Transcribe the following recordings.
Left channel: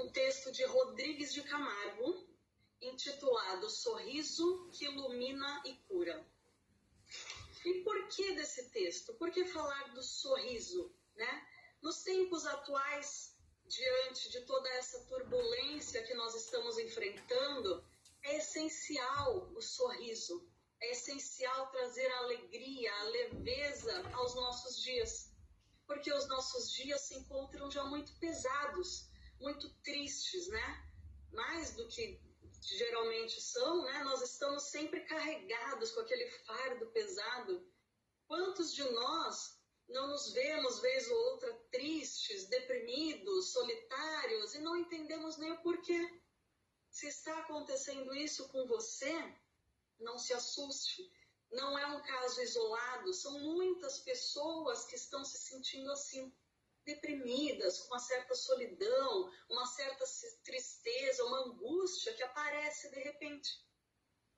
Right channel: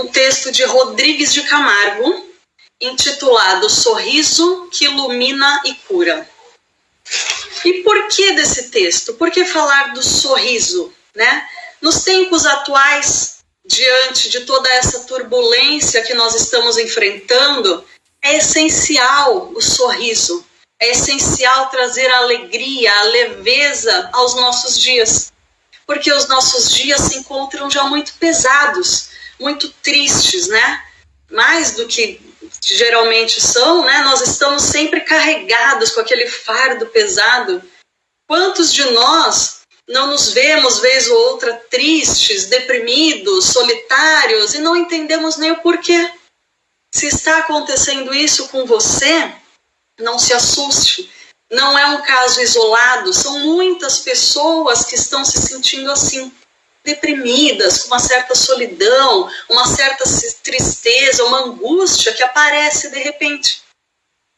um texto de Rodrigues de Camargo, intitulado Sorriso que Ilumina e Cura. E por que desse texto? Por que falar do sorriso, né? Nos tempos atuais, diante de toda essa turbulência que nós estamos enfrentando, é essencial o sorriso, é essencial trazer a alegria, a leveza aos nossos dias, porque os nossos dias se encontram já muito pesados, muito tristes, né? Mais do que geralmente são, né? Nós estamos sempre carregados com aquele fardo pesado. Quantos de nós não nos vemos, vez ou outra, tristes, deprimidos, solitários, e não entendemos nem o porquê? Se está acontecendo isso com você, não se assuste. Não é um caso isolado, são muitas pessoas que estão se sentindo assim, deprimidas, com uma certa solidão, uma certa tristeza, uma angústia que aparece de repente.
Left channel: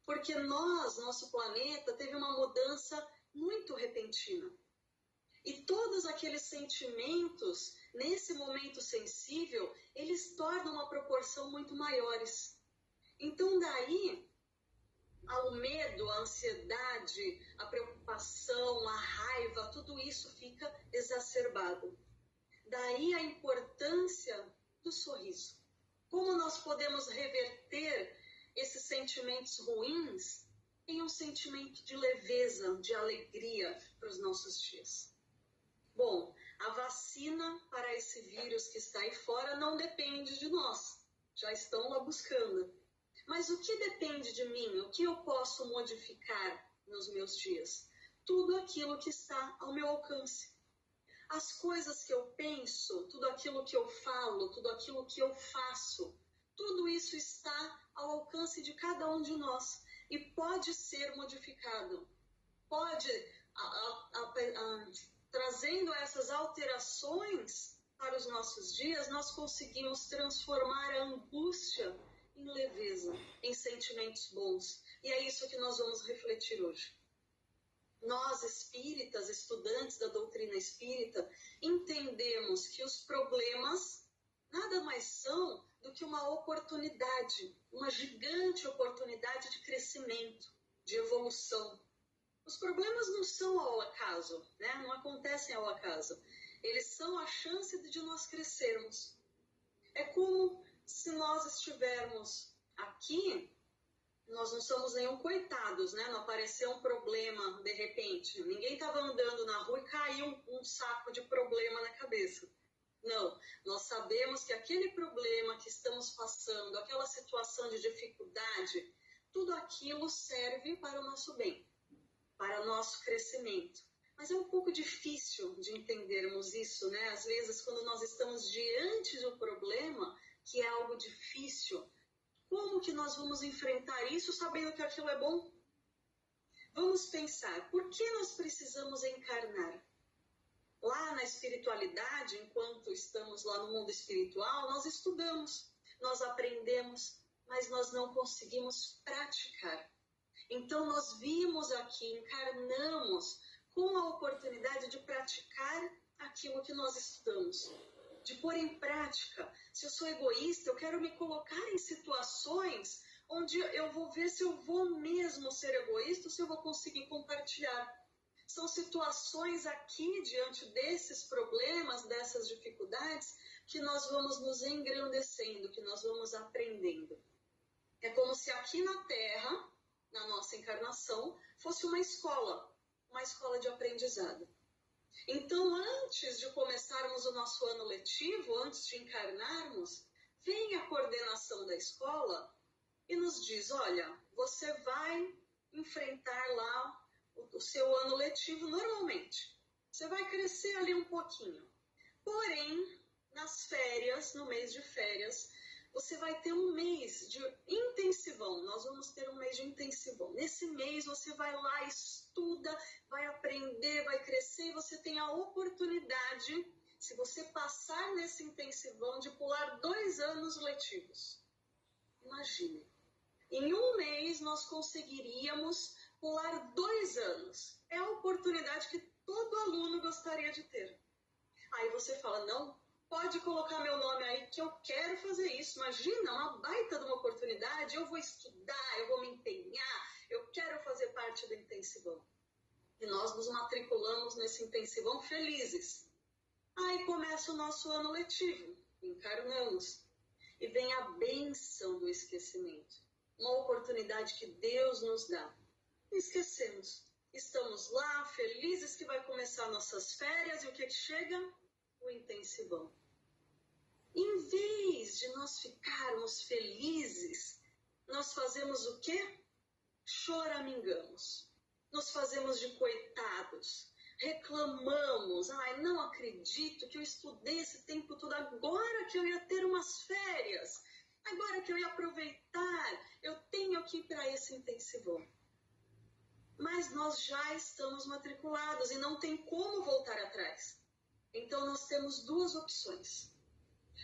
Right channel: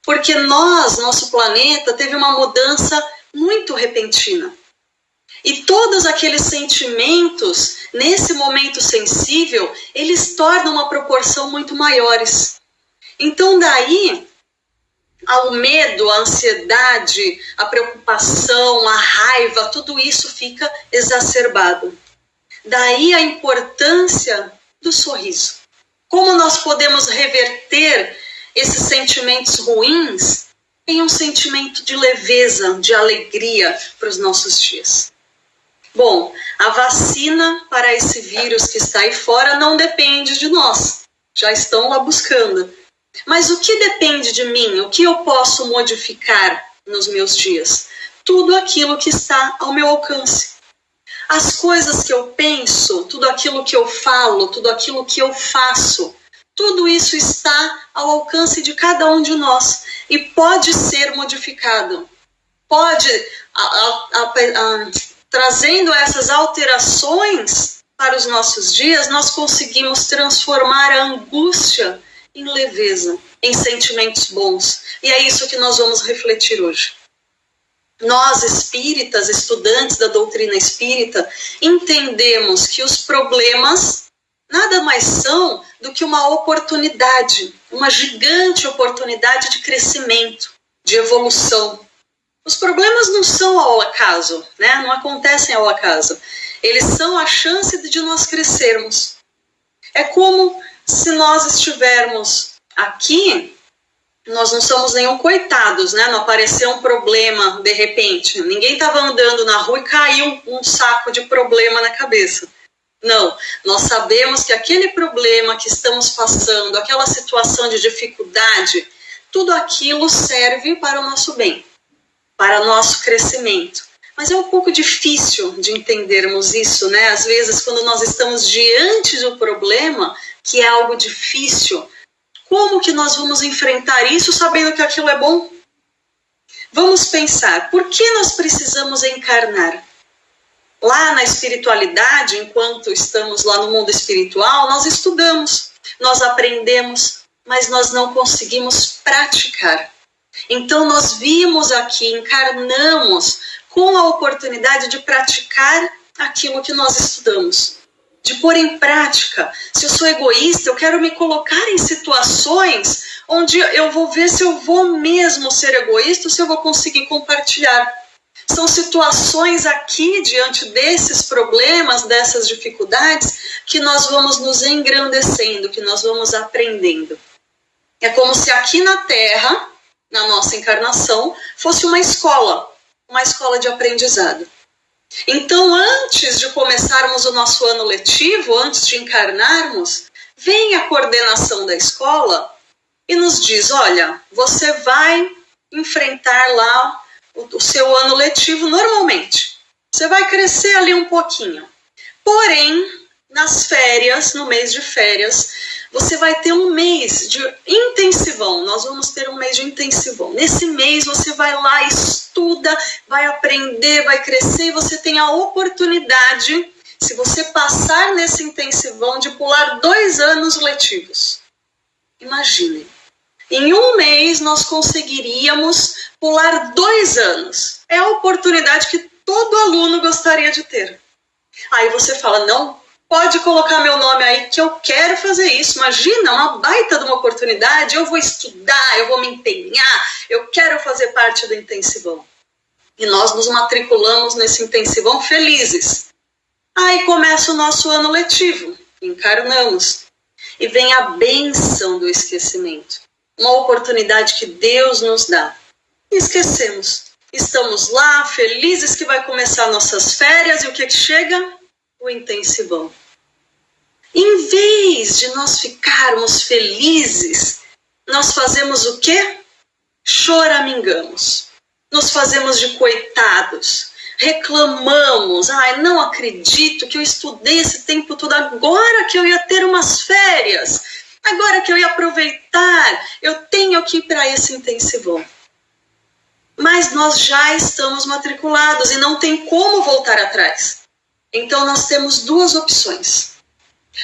Porque nosso planeta teve uma mudança muito repentina. E todos aqueles sentimentos, nesse momento sensível, eles tornam uma proporção muito maiores. Então daí, o medo, a ansiedade, a preocupação, a raiva, tudo isso fica exacerbado. Daí a importância do sorriso. Como nós podemos reverter esses sentimentos ruins em um sentimento de leveza, de alegria para os nossos dias? Bom, a vacina para esse vírus que está aí fora não depende de nós. Já estão lá buscando. Mas o que depende de mim? O que eu posso modificar nos meus dias? Tudo aquilo que está ao meu alcance. As coisas que eu penso, tudo aquilo que eu falo, tudo aquilo que eu faço, tudo isso está ao alcance de cada um de nós e pode ser modificado. Pode, trazendo essas alterações para os nossos dias, nós conseguimos transformar a angústia em leveza, em sentimentos bons. E é isso que nós vamos refletir hoje. Nós, espíritas, estudantes da doutrina espírita, entendemos que os problemas nada mais são do que uma oportunidade, uma gigante oportunidade de crescimento, de evolução. Os problemas não são ao acaso, né? Não acontecem ao acaso. Eles são a chance de nós crescermos. É como se nós estivermos aqui, nós não somos nenhum coitados, né? Não apareceu um problema de repente. Ninguém estava andando na rua e caiu um saco de problema na cabeça. Não, nós sabemos que aquele problema que estamos passando, aquela situação de dificuldade, tudo aquilo serve para o nosso bem, para o nosso crescimento. Mas é um pouco difícil de entendermos isso, né? Às vezes, quando nós estamos diante do problema, que é algo difícil, como que nós vamos enfrentar isso sabendo que aquilo é bom? Vamos pensar, por que nós precisamos encarnar? Lá na espiritualidade, enquanto estamos lá no mundo espiritual, nós estudamos, nós aprendemos, mas nós não conseguimos praticar. Então nós vimos aqui, encarnamos com a oportunidade de praticar aquilo que nós estudamos, de pôr em prática. Se eu sou egoísta, eu quero me colocar em situações onde eu vou ver se eu vou mesmo ser egoísta ou se eu vou conseguir compartilhar. São situações aqui, diante desses problemas, dessas dificuldades, que nós vamos nos engrandecendo, que nós vamos aprendendo. É como se aqui na Terra, na nossa encarnação, fosse uma escola de aprendizado. Então, antes de começarmos o nosso ano letivo, antes de encarnarmos, vem a coordenação da escola e nos diz, olha, você vai enfrentar lá o seu ano letivo normalmente. Você vai crescer ali um pouquinho. Porém, nas férias, no mês de férias, você vai ter um mês de intensivão. Nós vamos ter um mês de intensivão. Nesse mês você vai lá, estuda, vai aprender, vai crescer e você tem a oportunidade, se você passar nesse intensivão, de pular 2 anos letivos. Imagine. Em um mês nós conseguiríamos pular 2 anos. É a oportunidade que todo aluno gostaria de ter. Aí você fala, não Pode colocar meu nome aí que eu quero fazer isso. Imagina, uma baita de uma oportunidade. Eu vou estudar, eu vou me empenhar, eu quero fazer parte do intensivão. E nós nos matriculamos nesse intensivão felizes. Aí começa o nosso ano letivo, encarnamos. E vem a bênção do esquecimento. Uma oportunidade que Deus nos dá. E esquecemos. Estamos lá, felizes que vai começar nossas férias. E o que chega? O intensivão. Em vez de nós ficarmos felizes, nós fazemos o quê? Choramingamos. Nos fazemos de coitados. Reclamamos. Ai, não acredito que eu estudei esse tempo todo. Agora que eu ia ter umas férias. Agora que eu ia aproveitar. Eu tenho que ir para esse intensivão. Mas nós já estamos matriculados e não tem como voltar atrás. Então nós temos duas opções.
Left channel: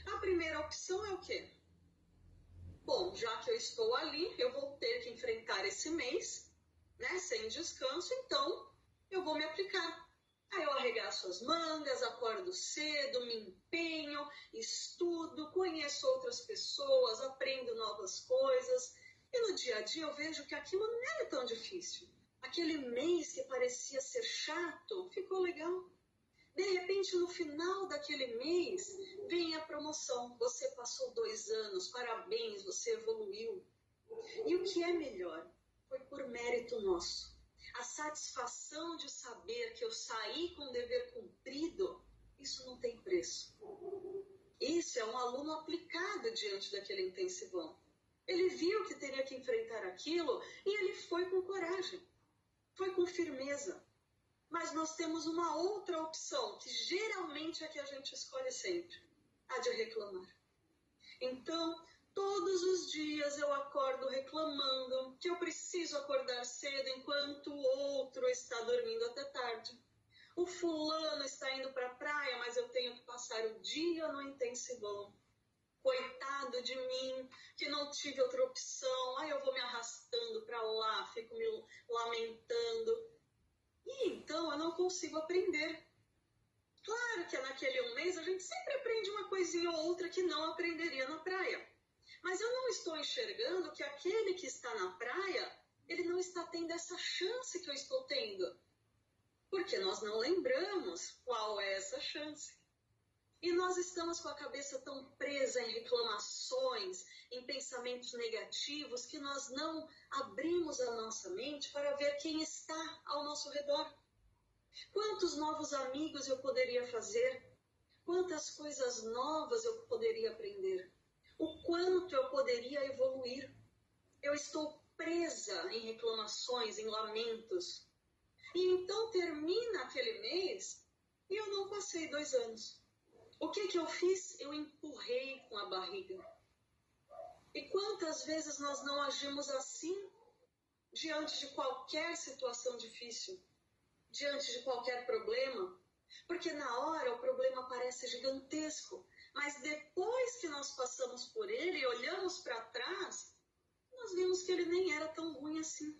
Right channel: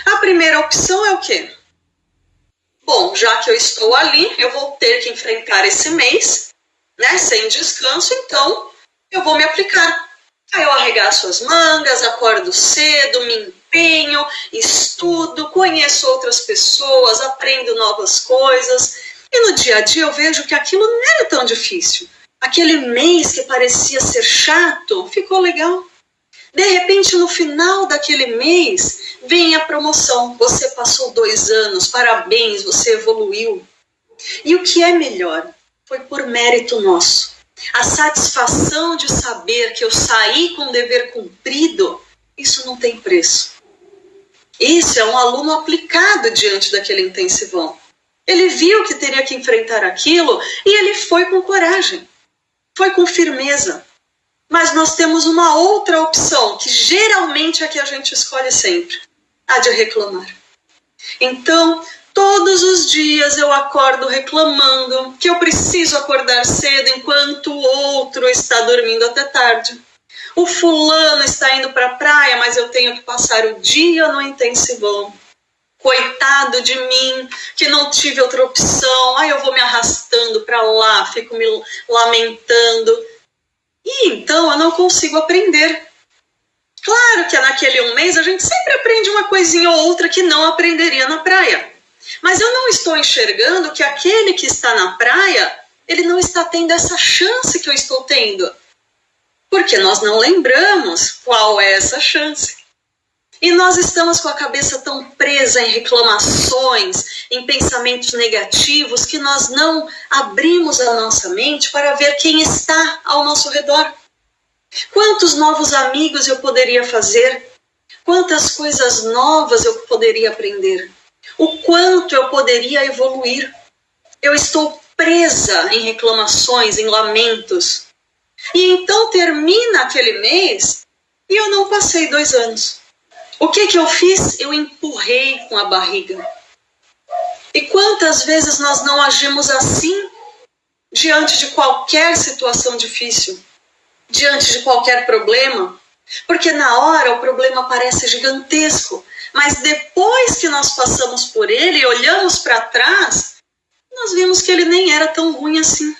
A primeira opção é o quê? Bom, já que eu estou ali, eu vou ter que enfrentar esse mês, né, sem descanso, então eu vou me aplicar. Aí eu arregaço as mangas, acordo cedo, me empenho, estudo, conheço outras pessoas, aprendo novas coisas. E no dia a dia eu vejo que aquilo não era tão difícil. Aquele mês que parecia ser chato, ficou legal. De repente, no final daquele mês, vem a promoção. Você passou 2 anos, parabéns, você evoluiu. E o que é melhor? Foi por mérito nosso. A satisfação de saber que eu saí com o dever cumprido, isso não tem preço. Esse é um aluno aplicado diante daquele intensivão. Ele viu que teria que enfrentar aquilo e ele foi com coragem, foi com firmeza. Mas nós temos uma outra opção, que geralmente é a que a gente escolhe sempre, a de reclamar. Então, todos os dias eu acordo reclamando que eu preciso acordar cedo enquanto o outro está dormindo até tarde. O fulano está indo para a praia, mas eu tenho que passar o dia no intensivão. Coitado de mim, que não tive outra opção. Aí eu vou me arrastando para lá, fico me lamentando. E então eu não consigo aprender. Claro que naquele 1 mês a gente sempre aprende uma coisinha ou outra que não aprenderia na praia. Mas eu não estou enxergando que aquele que está na praia, ele não está tendo essa chance que eu estou tendo. Porque nós não lembramos qual é essa chance. E nós estamos com a cabeça tão presa em reclamações, em pensamentos negativos, que nós não abrimos a nossa mente para ver quem está ao nosso redor. Quantos novos amigos eu poderia fazer? Quantas coisas novas eu poderia aprender? O quanto eu poderia evoluir? Eu estou presa em reclamações, em lamentos. E então termina aquele mês e eu não passei 2 anos. O que eu fiz? Eu empurrei com a barriga. E quantas vezes nós não agimos assim diante de qualquer situação difícil, diante de qualquer problema? Porque na hora o problema parece gigantesco, mas depois que nós passamos por ele e olhamos para trás, nós vimos que ele nem era tão ruim assim.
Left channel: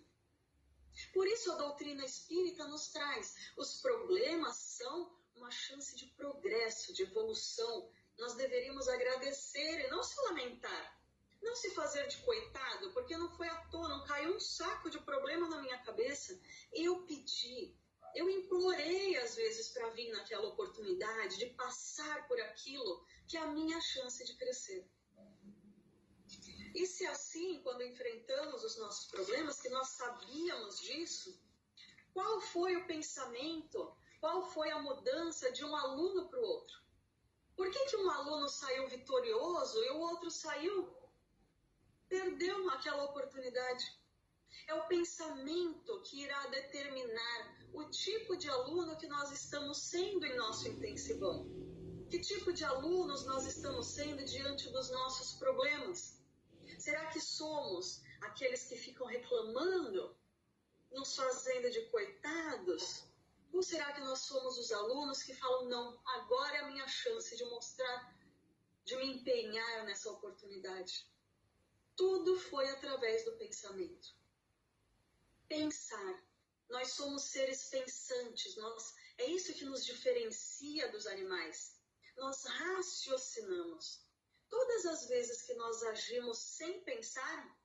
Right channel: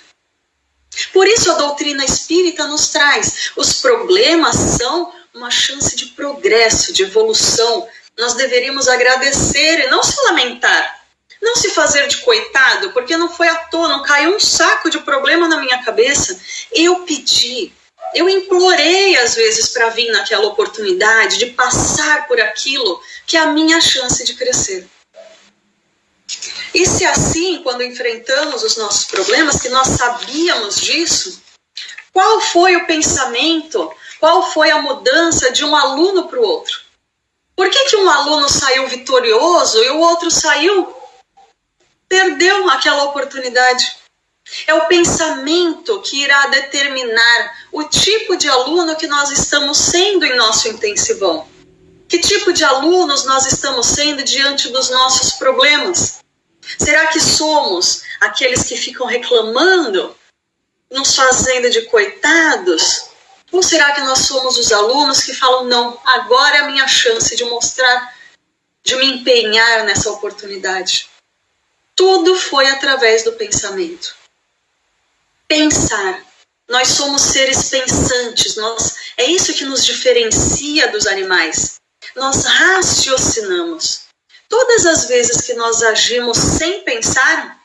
Por isso a doutrina espírita nos traz: os problemas são uma chance de progresso, de evolução. Nós deveríamos agradecer e não se lamentar. Não se fazer de coitado, porque não foi à toa, não caiu um saco de problema na minha cabeça. Eu pedi, eu implorei às vezes para vir naquela oportunidade de passar por aquilo que é a minha chance de crescer. E se assim, quando enfrentamos os nossos problemas, que nós sabíamos disso, qual foi o pensamento? Qual foi a mudança de um aluno para o outro? Por que um aluno saiu vitorioso e o outro perdeu aquela oportunidade? É o pensamento que irá determinar o tipo de aluno que nós estamos sendo em nosso intensivão. Que tipo de alunos nós estamos sendo diante dos nossos problemas? Será que somos aqueles que ficam reclamando, nos fazendo de coitados? Ou será que nós somos os alunos que falam: não, agora é a minha chance de mostrar, de me empenhar nessa oportunidade? Tudo foi através do pensamento. Pensar. Nós somos seres pensantes. É isso que nos diferencia dos animais. nós raciocinamos. Todas as vezes que nós agimos sem pensar,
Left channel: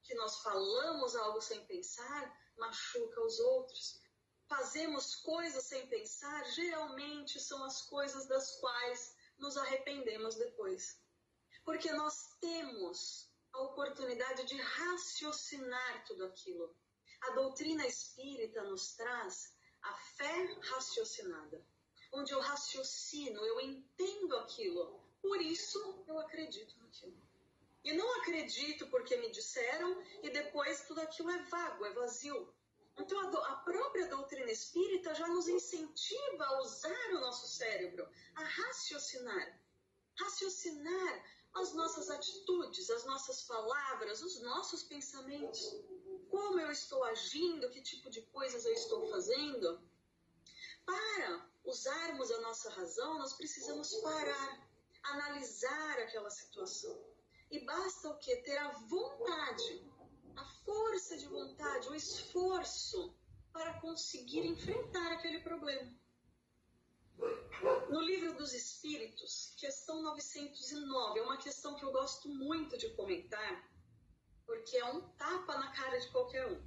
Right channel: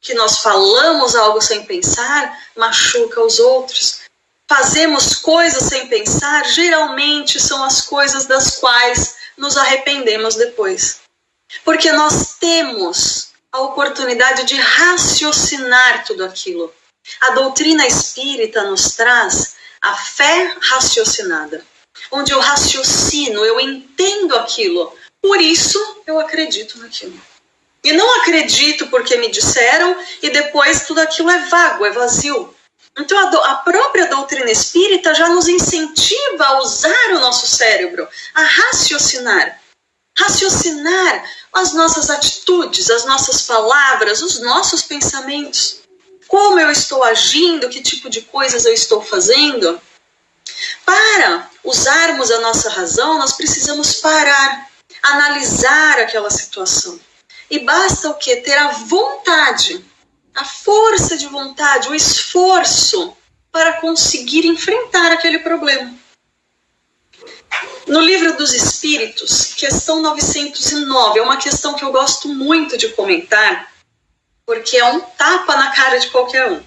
que nós falamos algo sem pensar, machuca os outros. Fazemos coisas sem pensar, geralmente são as coisas das quais nos arrependemos depois. Porque nós temos a oportunidade de raciocinar tudo aquilo. A doutrina espírita nos traz a fé raciocinada, onde eu raciocino, eu entendo aquilo, por isso eu acredito naquilo. E não acredito porque me disseram e depois tudo aquilo é vago, é vazio. Então a própria doutrina espírita já nos incentiva a usar o nosso cérebro, a raciocinar. Raciocinar as nossas atitudes, as nossas palavras, os nossos pensamentos. Como eu estou agindo, que tipo de coisas eu estou fazendo. Para usarmos a nossa razão, nós precisamos parar, analisar aquela situação. E basta o quê? Ter a vontade, a força de vontade, o esforço para conseguir enfrentar aquele problema. No Livro dos Espíritos, questão 909, é uma questão que eu gosto muito de comentar, porque é um tapa na cara de qualquer um.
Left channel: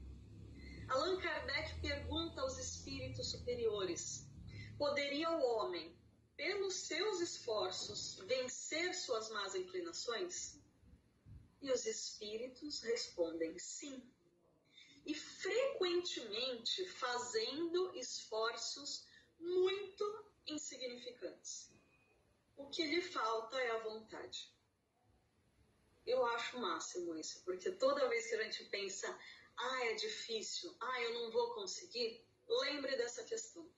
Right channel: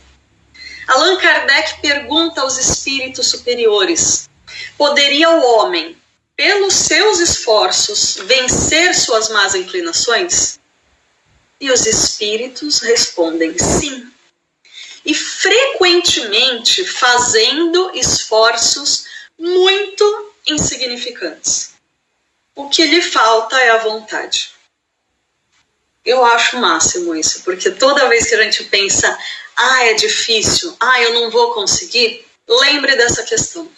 Allan Kardec pergunta aos espíritos superiores: poderia o homem, pelos seus esforços, vencer suas más inclinações? E os espíritos respondem sim. E frequentemente fazendo esforços muito insignificantes. O que lhe falta é a vontade. Eu acho o máximo isso, porque toda vez que a gente pensa, é difícil, eu não vou conseguir, lembre dessa questão.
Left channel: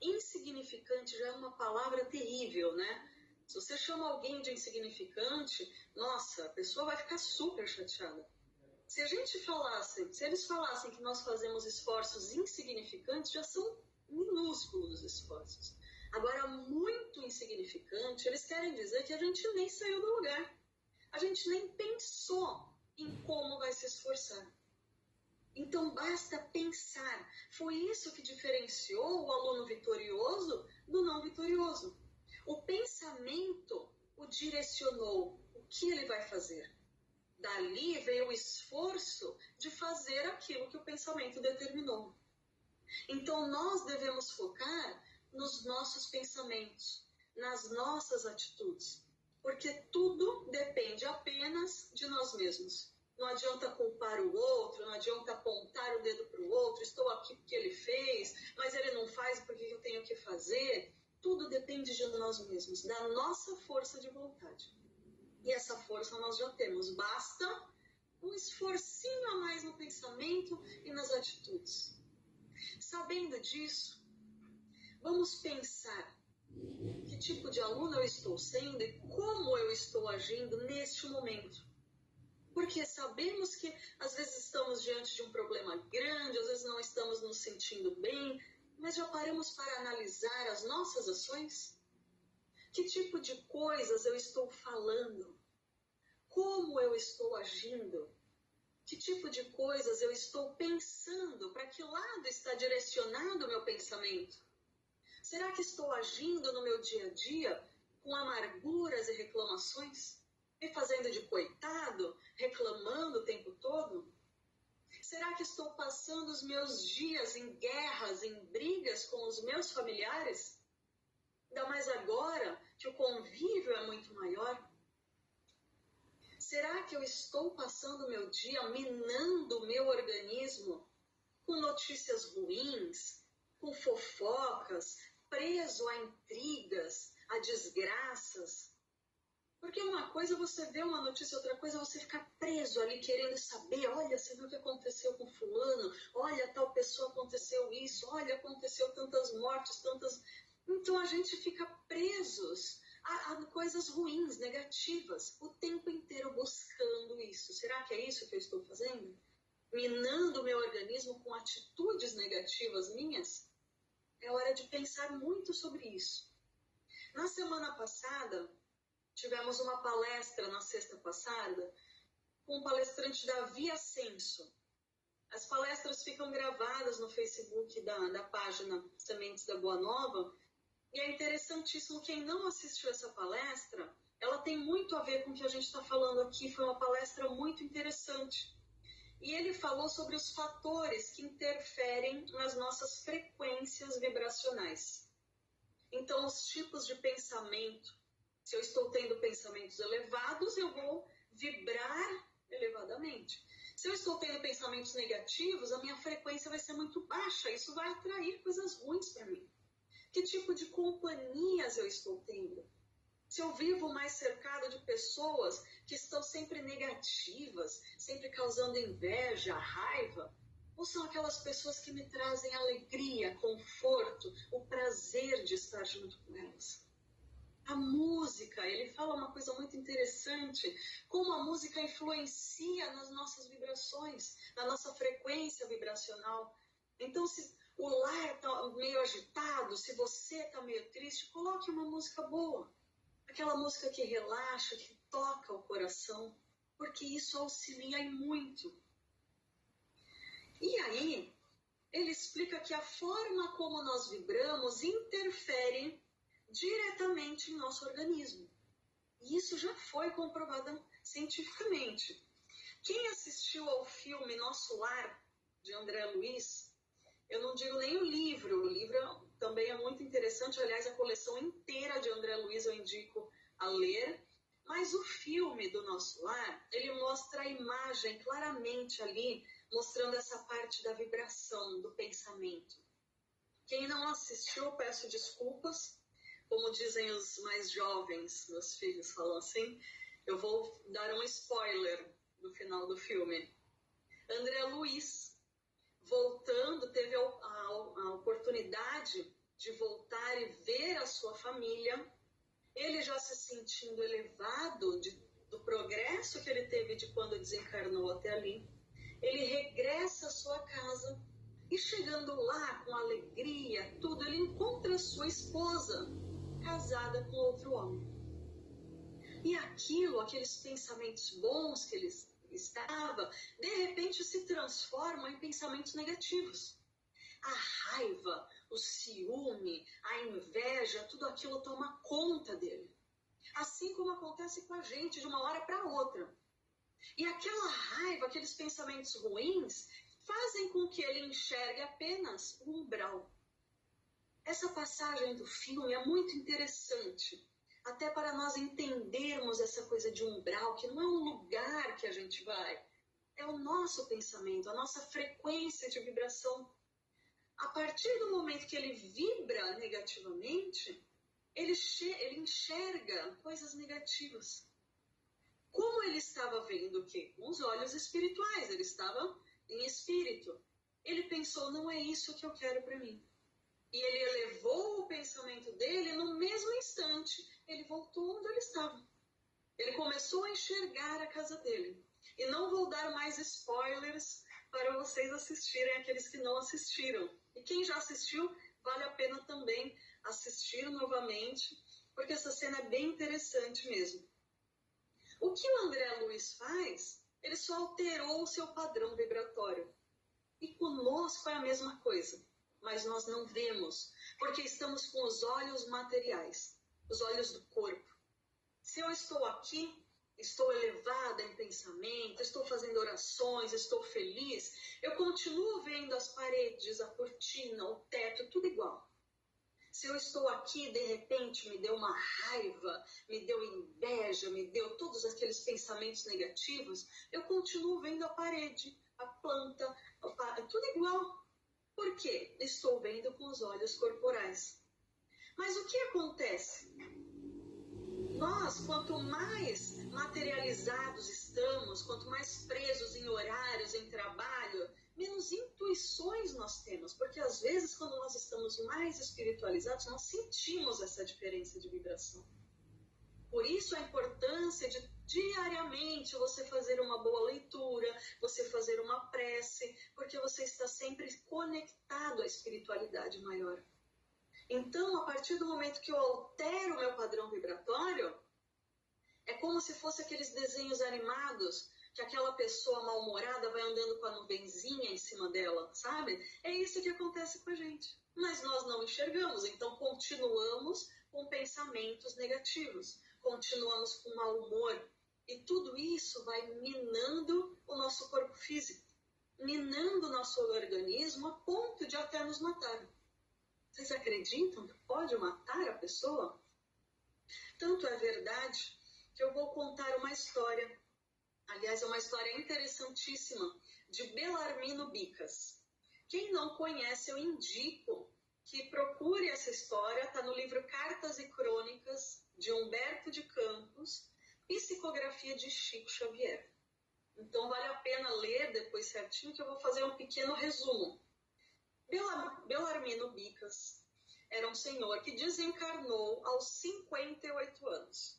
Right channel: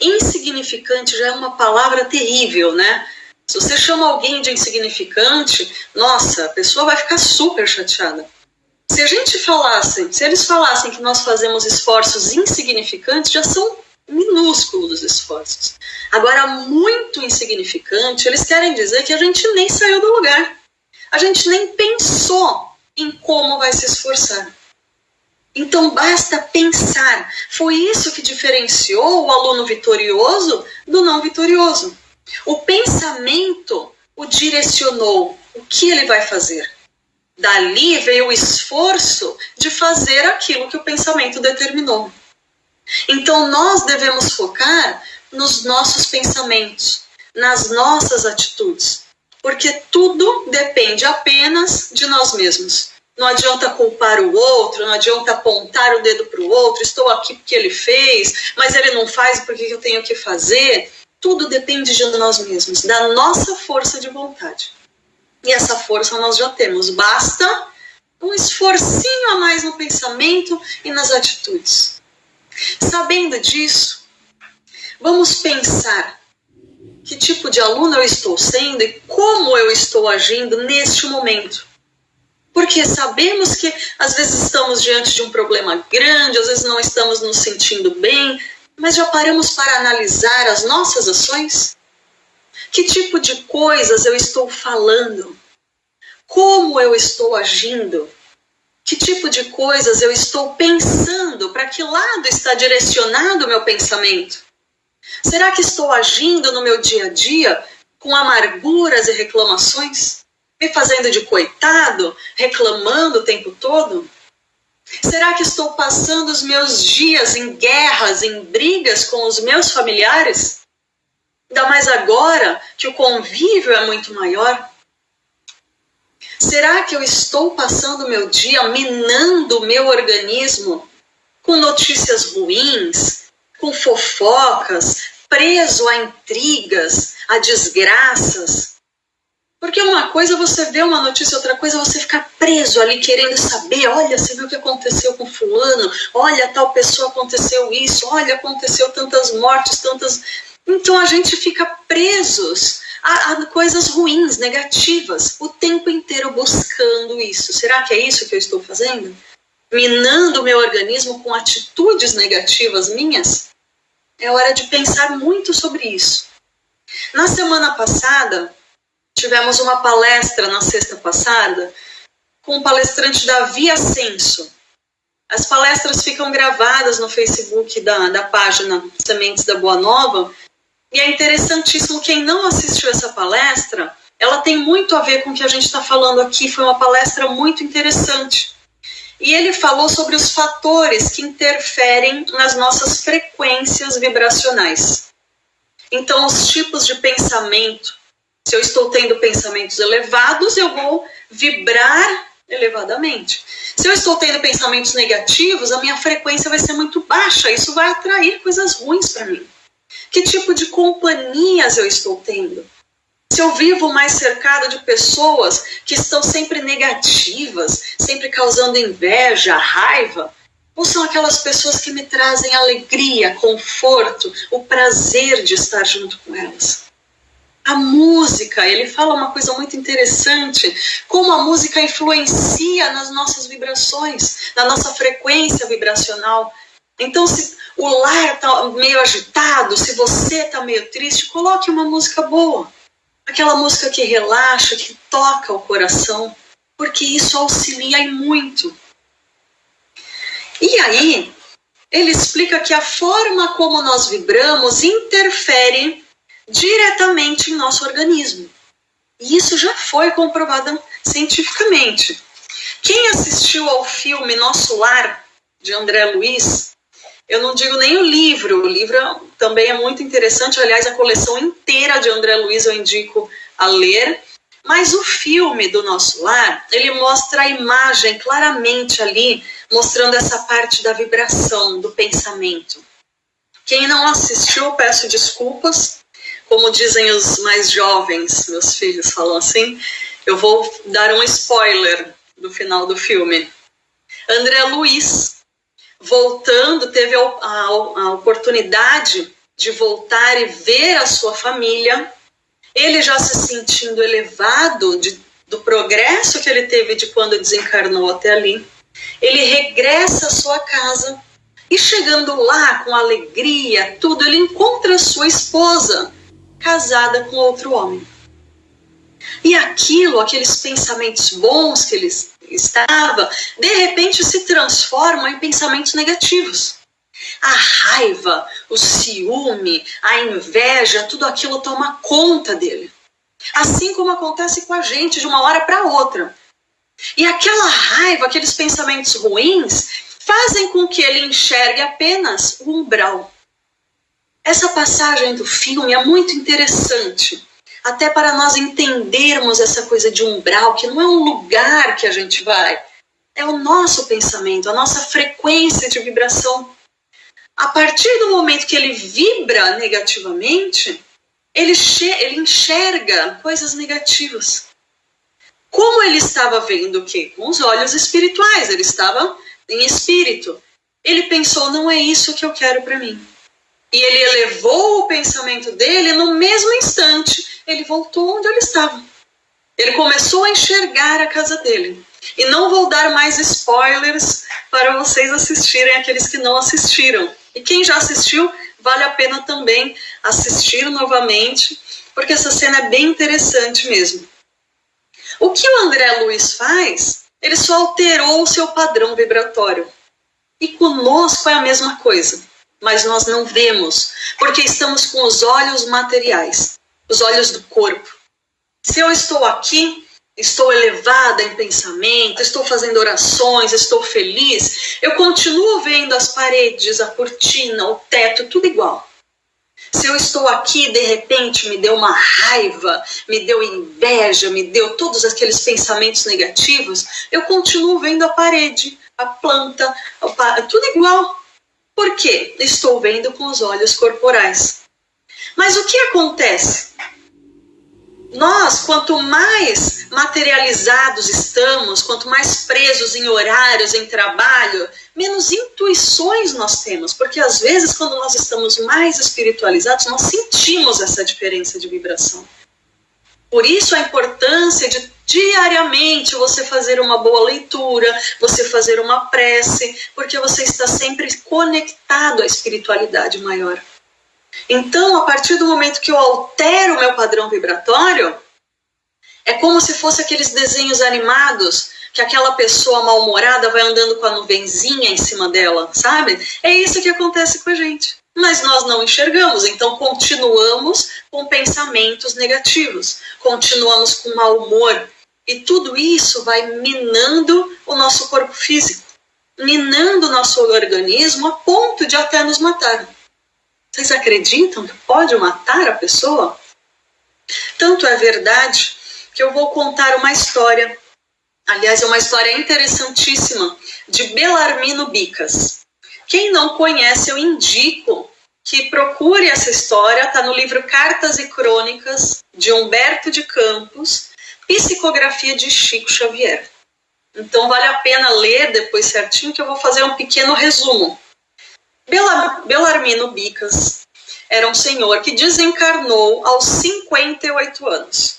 Insignificante já é uma palavra terrível, né? Se você chama alguém de insignificante, nossa, a pessoa vai ficar super chateada. Se eles falassem que nós fazemos esforços insignificantes, já são minúsculos os esforços. Agora, muito insignificante, eles querem dizer que a gente nem saiu do lugar. A gente nem pensou em como vai se esforçar. Então, basta pensar. Foi isso que diferenciou o aluno vitorioso do não vitorioso. O pensamento o direcionou. O que ele vai fazer? Dali veio o esforço de fazer aquilo que o pensamento determinou. Então, nós devemos focar nos nossos pensamentos, nas nossas atitudes, porque tudo depende apenas de nós mesmos. Não adianta culpar o outro, não adianta apontar o dedo para o outro, estou aqui porque ele fez, mas ele não faz, por que eu tenho que fazer? Tudo depende de nós mesmos, da nossa força de vontade. E essa força nós já temos, basta um esforcinho a mais no pensamento e nas atitudes. Sabendo disso, vamos pensar que tipo de aluno eu estou sendo e como eu estou agindo neste momento. Porque sabemos que às vezes estamos diante de um problema grande, às vezes não estamos nos sentindo bem, mas já paramos para analisar as nossas ações? Que tipo de coisas eu estou falando? Como eu estou agindo? Que tipo de coisas eu estou pensando? Para que lado está direcionado o meu pensamento? Será que estou agindo no meu dia a dia com amarguras e reclamações? Me fazendo de coitado, reclamando o tempo todo? Será que estou passando os meus dias em guerras, em brigas com os meus familiares? Ainda mais agora que o convívio é muito maior. Será que eu estou passando o meu dia minando o meu organismo com notícias ruins, com fofocas, preso a intrigas, a desgraças? Porque uma coisa é você ver uma notícia, outra coisa é você ficar preso ali querendo saber, olha, você viu o que aconteceu com fulano, olha, tal pessoa aconteceu isso, olha, aconteceu tantas mortes, tantas... Então a gente fica presos a coisas ruins, negativas, o tempo inteiro buscando isso. Será que é isso que eu estou fazendo? Minando o meu organismo com atitudes negativas minhas? É hora de pensar muito sobre isso. Na semana passada, tivemos uma palestra na sexta passada com o palestrante Davi Ascenso. As palestras ficam gravadas no Facebook da página Sementes da Boa Nova E é interessantíssimo, quem não assistiu essa palestra, ela tem muito a ver com o que a gente está falando aqui, foi uma palestra muito interessante. E ele falou sobre os fatores que interferem nas nossas frequências vibracionais. Então, os tipos de pensamento, se eu estou tendo pensamentos elevados, eu vou vibrar elevadamente. Se eu estou tendo pensamentos negativos, a minha frequência vai ser muito baixa, isso vai atrair coisas ruins para mim. Que tipo de companhias eu estou tendo? Se eu vivo mais cercado de pessoas que estão sempre negativas, sempre causando inveja, raiva, ou são aquelas pessoas que me trazem alegria, conforto, o prazer de estar junto com elas? A música, ele fala uma coisa muito interessante, como a música influencia nas nossas vibrações, na nossa frequência vibracional. Então, se o lar está meio agitado, se você está meio triste, coloque uma música boa. Aquela música que relaxa, que toca o coração, porque isso auxilia e muito. E aí, ele explica que a forma como nós vibramos interfere diretamente em nosso organismo. E isso já foi comprovado cientificamente. Quem assistiu ao filme Nosso Lar, de André Luiz, eu não digo nem o livro também é muito interessante, aliás, a coleção inteira de André Luiz eu indico a ler, mas o filme do Nosso Lar, ele mostra a imagem claramente ali, mostrando essa parte da vibração, do pensamento. Quem não assistiu, peço desculpas, como dizem os mais jovens, meus filhos falam assim, eu vou dar um spoiler do final do filme. André Luiz, voltando, teve a oportunidade de voltar e ver a sua família, ele já se sentindo elevado do progresso que ele teve de quando desencarnou até ali, ele regressa à sua casa e chegando lá com alegria, tudo, ele encontra a sua esposa casada com outro homem. E aqueles pensamentos bons que ele estava, de repente se transformam em pensamentos negativos. A raiva, o ciúme, a inveja, tudo aquilo toma conta dele. Assim como acontece com a gente de uma hora para outra. E aquela raiva, aqueles pensamentos ruins, fazem com que ele enxergue apenas o umbral. Essa passagem do filme é muito interessante, até para nós entendermos essa coisa de umbral, que não é um lugar que a gente vai, é o nosso pensamento, a nossa frequência de vibração. A partir do momento que ele vibra negativamente, ele enxerga coisas negativas. Como ele estava vendo o quê? Com os olhos espirituais, ele estava em espírito. Ele pensou, não é isso que eu quero para mim. E ele elevou o pensamento dele, no mesmo instante, ele voltou onde ele estava. Ele começou a enxergar a casa dele. E não vou dar mais spoilers para vocês assistirem, aqueles que não assistiram. E quem já assistiu, vale a pena também assistir novamente, porque essa cena é bem interessante mesmo. O que o André Luiz faz, ele só alterou o seu padrão vibratório. E conosco é a mesma coisa, mas nós não vemos, porque estamos com os olhos materiais, os olhos do corpo. Se eu estou aqui, estou elevada em pensamento, estou fazendo orações, estou feliz, eu continuo vendo as paredes, a cortina, o teto, tudo igual. Se eu estou aqui, de repente, me deu uma raiva, me deu inveja, me deu todos aqueles pensamentos negativos, eu continuo vendo a parede, a planta, tudo igual. Por quê? Estou vendo com os olhos corporais. Mas o que acontece? Nós, quanto mais materializados estamos, quanto mais presos em horários, em trabalho, menos intuições nós temos. Porque às vezes, quando nós estamos mais espiritualizados, nós sentimos essa diferença de vibração. Por isso a importância de diariamente você fazer uma boa leitura, você fazer uma prece, porque você está sempre conectado à espiritualidade maior. Então, a partir do momento que eu altero o meu padrão vibratório, é como se fosse aqueles desenhos animados que aquela pessoa mal-humorada vai andando com a nuvenzinha em cima dela, sabe? É isso que acontece com a gente. mas nós não enxergamos, então continuamos com pensamentos negativos, continuamos com mau humor, e tudo isso vai minando o nosso corpo físico, minando o nosso organismo a ponto de até nos matar. Vocês acreditam que pode matar a pessoa? Tanto é verdade que eu vou contar uma história, aliás, é uma história interessantíssima, de Belarmino Bicas. Quem não conhece, eu indico que procure essa história, está no livro Cartas e Crônicas, de Humberto de Campos, psicografia de Chico Xavier. Então vale a pena ler depois certinho, que eu vou fazer um pequeno resumo. Belarmino Bicas era um senhor que desencarnou aos 58 anos.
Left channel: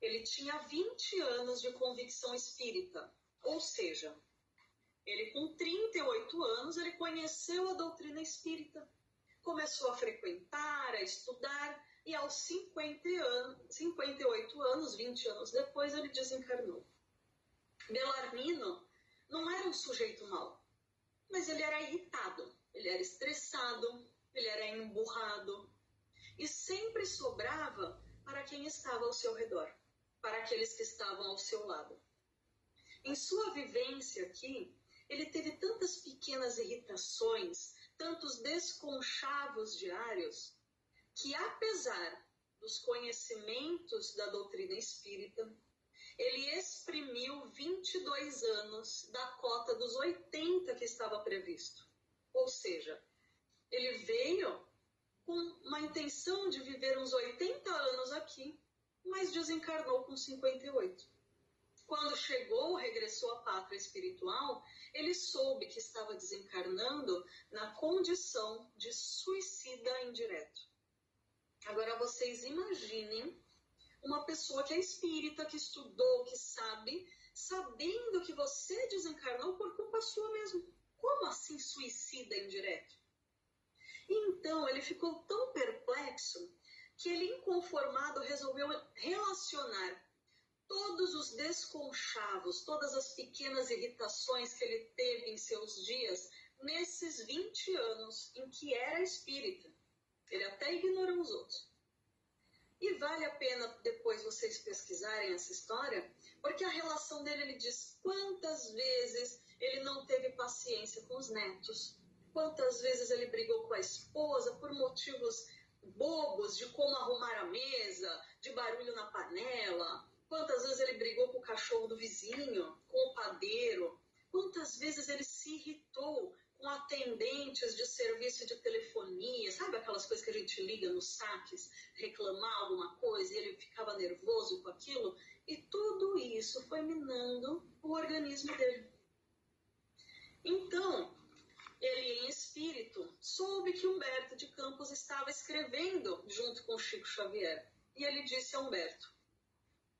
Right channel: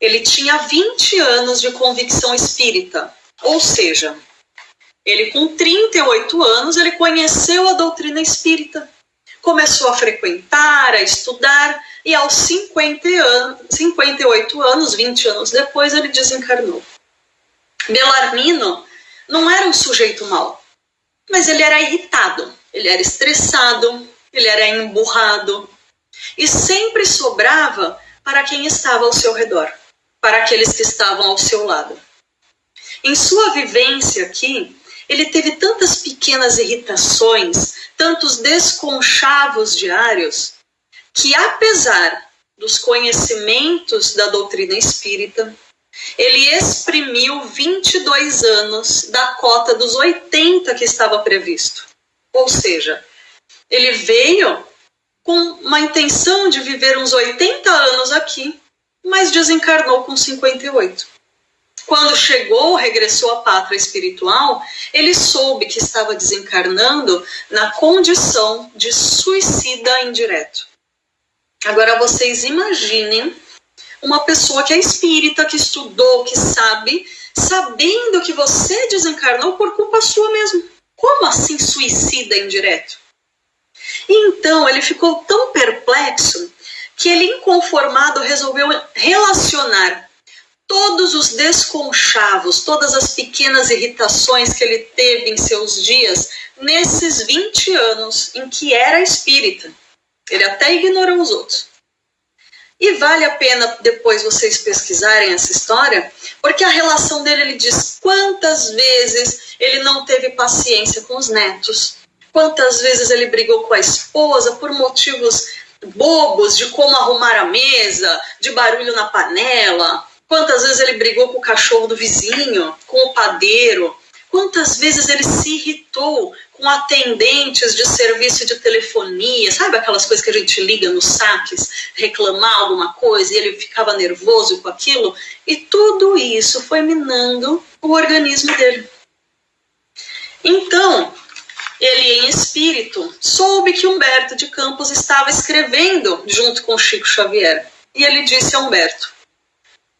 Ele tinha 20 anos de convicção espírita, ou seja, ele com 38 anos, ele conheceu a doutrina espírita, começou a frequentar, a estudar, e aos 58 anos, 20 anos depois, ele desencarnou. Belarmino não era um sujeito mau, mas ele era irritado, ele era estressado, ele era emburrado, e sempre sobrava para quem estava ao seu redor, para aqueles que estavam ao seu lado. Em sua vivência aqui, ele teve tantas pequenas irritações, tantos desconchavos diários, que apesar dos conhecimentos da doutrina espírita, ele exprimiu 22 anos da cota dos 80 que estava previsto. Ou seja, ele veio com uma intenção de viver uns 80 anos aqui, mas desencarnou com 58. Quando chegou, regressou à pátria espiritual, ele soube que estava desencarnando na condição de suicida indireto. Agora vocês imaginem uma pessoa que é espírita, que estudou, que sabe, sabendo que você desencarnou por culpa sua mesmo. Como assim suicida indireto? E então ele ficou tão perplexo que ele, inconformado, resolveu relacionar todos os desconchavos, todas as pequenas irritações que ele teve em seus dias, nesses 20 anos em que era espírita. Ele até ignorou os outros. E vale a pena depois vocês pesquisarem essa história, porque a relação dele, ele diz quantas vezes ele não teve paciência com os netos, quantas vezes ele brigou com a esposa por motivos bobos, de como arrumar a mesa, de barulho na panela, quantas vezes ele brigou com o cachorro do vizinho, com o padeiro, quantas vezes ele se irritou com atendentes de serviço de telefonia, sabe aquelas coisas que a gente liga nos saques, reclamar alguma coisa, e ele ficava nervoso com aquilo, e tudo isso foi minando o organismo dele. Então, ele em espírito soube que Humberto de Campos estava escrevendo junto com Chico Xavier, e ele disse a Humberto:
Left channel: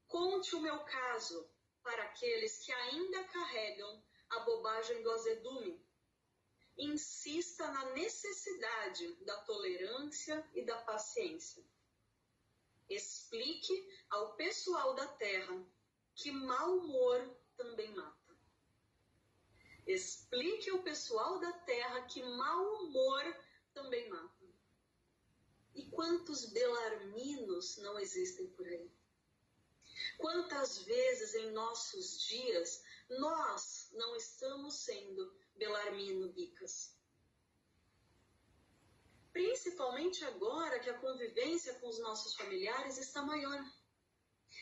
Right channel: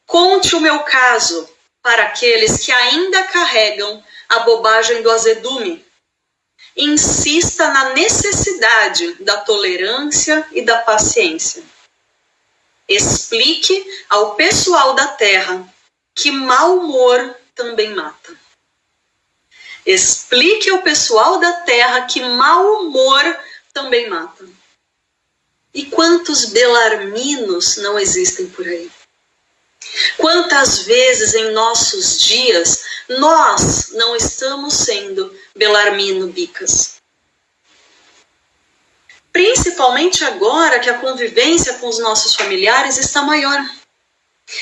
conte o meu caso para aqueles que ainda carregam a bobagem do azedume. Insista na necessidade da tolerância e da paciência. Explique ao pessoal da terra que mau humor também mata. Explique ao pessoal da terra que mau humor também mata. E quantos belarminos não existem por aí? Quantas vezes em nossos dias nós não estamos sendo Belarmino Bicas? Principalmente agora que a convivência com os nossos familiares está maior.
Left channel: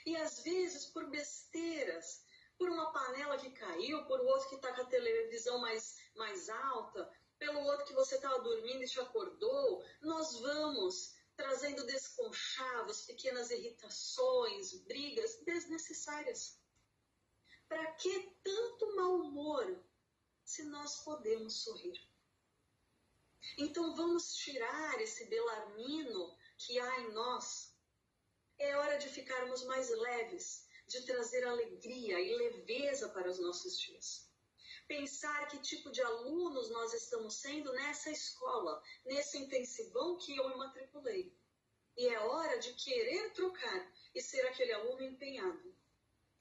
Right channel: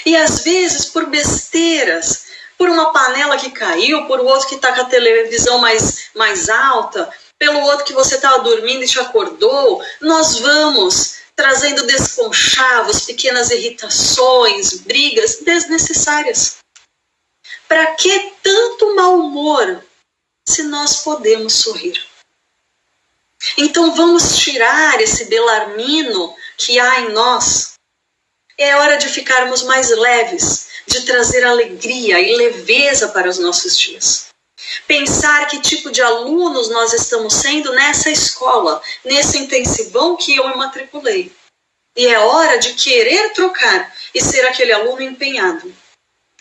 E às vezes por besteiras, por uma panela que caiu, por outro que está com a televisão mais alta, pelo outro que você estava dormindo e te acordou, nós vamos trazendo desconchavos, pequenas irritações, brigas desnecessárias. Para que tanto mau humor se nós podemos sorrir? Então vamos tirar esse belarmino que há em nós. É hora de ficarmos mais leves, de trazer alegria e leveza para os nossos dias. Pensar que tipo de alunos nós estamos sendo nessa escola, nesse intensivão que eu me matriculei. E é hora de querer trocar e ser aquele aluno empenhado.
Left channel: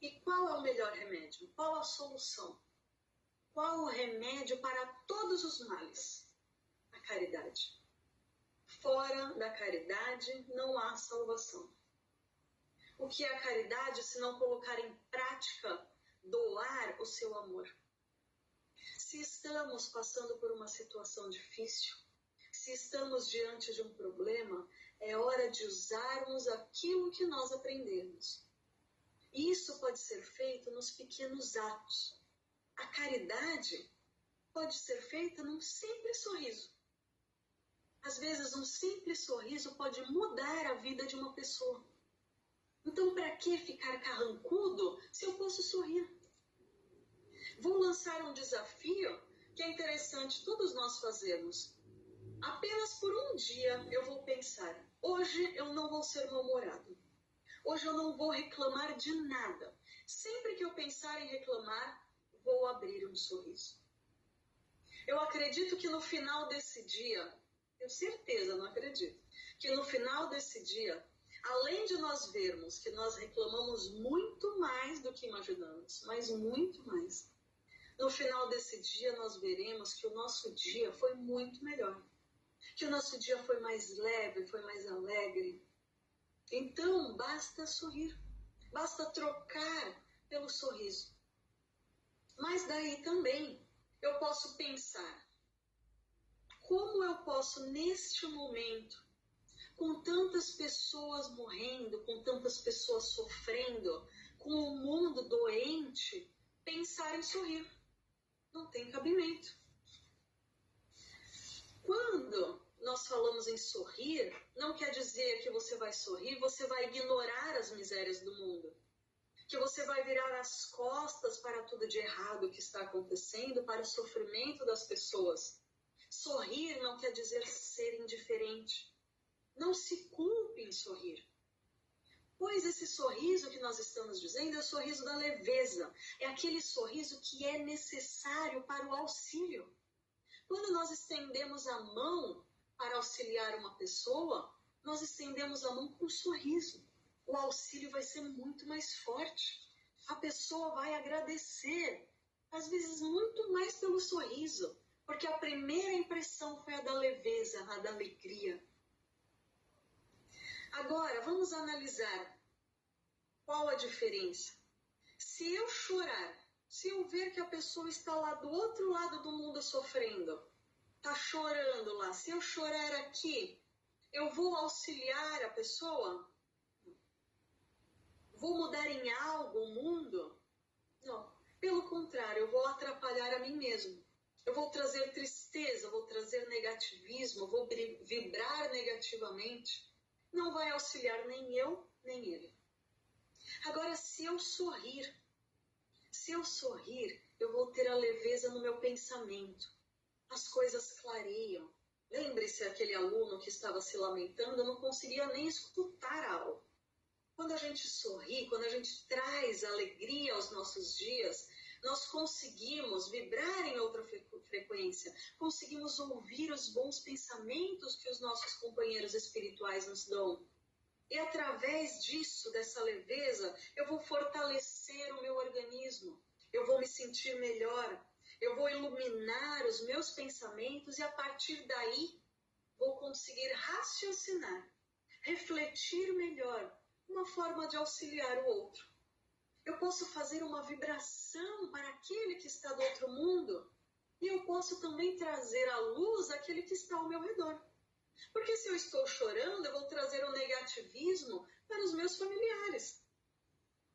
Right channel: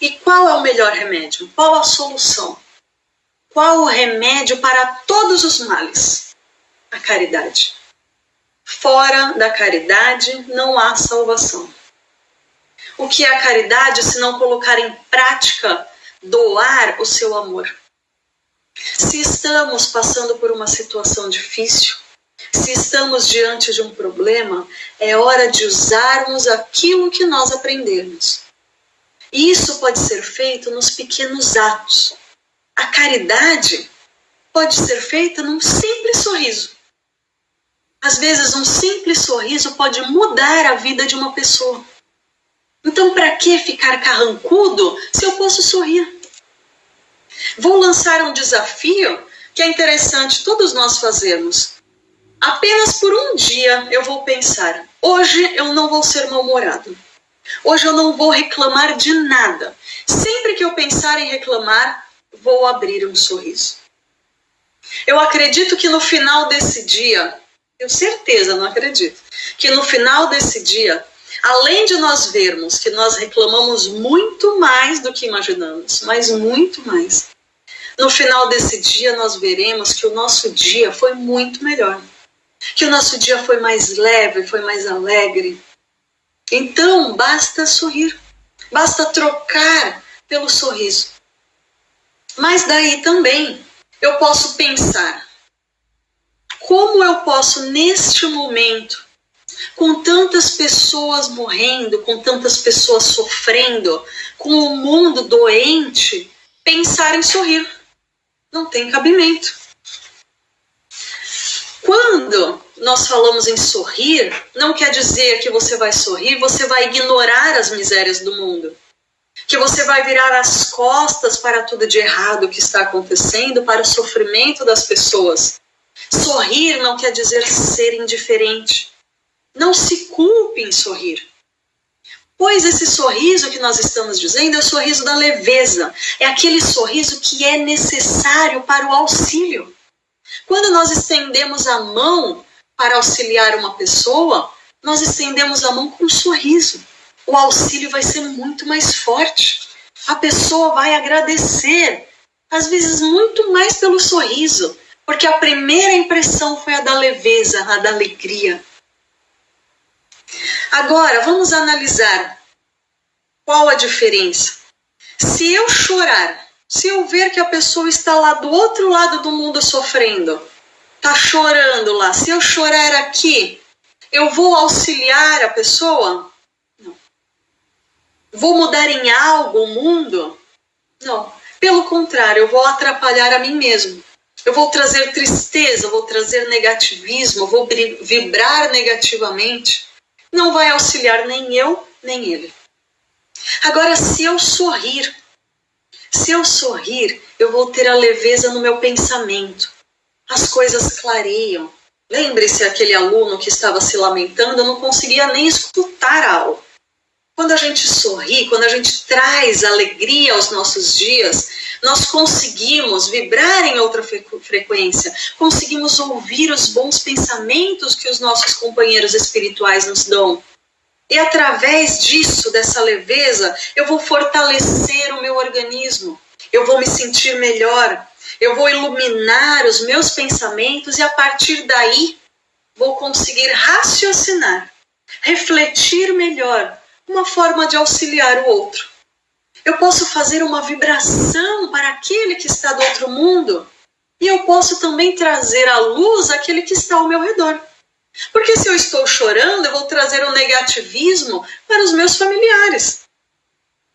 E qual é o melhor remédio? Qual a solução? Qual o remédio para todos os males? A caridade. Fora da caridade não há salvação. O que é a caridade se não colocar em prática, doar o seu amor? Se estamos passando por uma situação difícil, se estamos diante de um problema, é hora de usarmos aquilo que nós aprendemos. E isso pode ser feito nos pequenos atos. A caridade pode ser feita num simples sorriso. Às vezes, um simples sorriso pode mudar a vida de uma pessoa. Então, para que ficar carrancudo se eu posso sorrir? Vou lançar um desafio que é interessante todos nós fazermos. Apenas por um dia eu vou pensar, hoje eu não vou ser mal-humorado. Hoje eu não vou reclamar de nada. Sempre que eu pensar em reclamar, vou abrir um sorriso. Eu acredito que no final desse dia, tenho certeza, não acredito, que no final desse dia, além de nós vermos que nós reclamamos muito mais do que imaginamos, mas muito mais, no final desse dia nós veremos que o nosso dia foi muito melhor, que o nosso dia foi mais leve, foi mais alegre. Então, basta sorrir, basta trocar pelo sorriso. Mas daí também eu posso pensar, como eu posso neste momento, com tantas pessoas morrendo, com tantas pessoas sofrendo, com o mundo doente, pensar em sorrir? Não tem cabimento. Quando nós falamos em sorrir, não quer dizer que você vai sorrir, você vai ignorar as misérias do mundo, que você vai virar as costas para tudo de errado que está acontecendo, para o sofrimento das pessoas. Sorrir não quer dizer ser indiferente. Não se culpe em sorrir. Pois esse sorriso que nós estamos dizendo é o sorriso da leveza. É aquele sorriso que é necessário para o auxílio. Quando nós estendemos a mão para auxiliar uma pessoa, nós estendemos a mão com um sorriso. O auxílio vai ser muito mais forte. A pessoa vai agradecer, às vezes muito mais pelo sorriso, porque a primeira impressão foi a da leveza, a da alegria. Agora, vamos analisar qual a diferença. Se eu chorar, se eu ver que a pessoa está lá do outro lado do mundo sofrendo, está chorando lá, se eu chorar aqui, eu vou auxiliar a pessoa? Não. Vou mudar em algo o mundo? Não. Pelo contrário, eu vou atrapalhar a mim mesmo. Eu vou trazer tristeza, vou trazer negativismo, vou vibrar negativamente. Não vai auxiliar nem eu, nem ele. Agora, se eu sorrir, eu vou ter a leveza no meu pensamento. As coisas clareiam. Lembre-se aquele aluno que estava se lamentando, eu não conseguia nem escutar a aula. Quando a gente sorri, quando a gente traz alegria aos nossos dias, nós conseguimos vibrar em outra frequência, conseguimos ouvir os bons pensamentos que os nossos companheiros espirituais nos dão. E através disso, dessa leveza, eu vou fortalecer o meu organismo, eu vou me sentir melhor, eu vou iluminar os meus pensamentos e a partir daí vou conseguir raciocinar, refletir melhor, uma forma de auxiliar o outro. Eu posso fazer uma vibração para aquele que está do outro mundo e eu posso também trazer a luz àquele que está ao meu redor. Porque se eu estou chorando, eu vou trazer o negativismo para os meus familiares.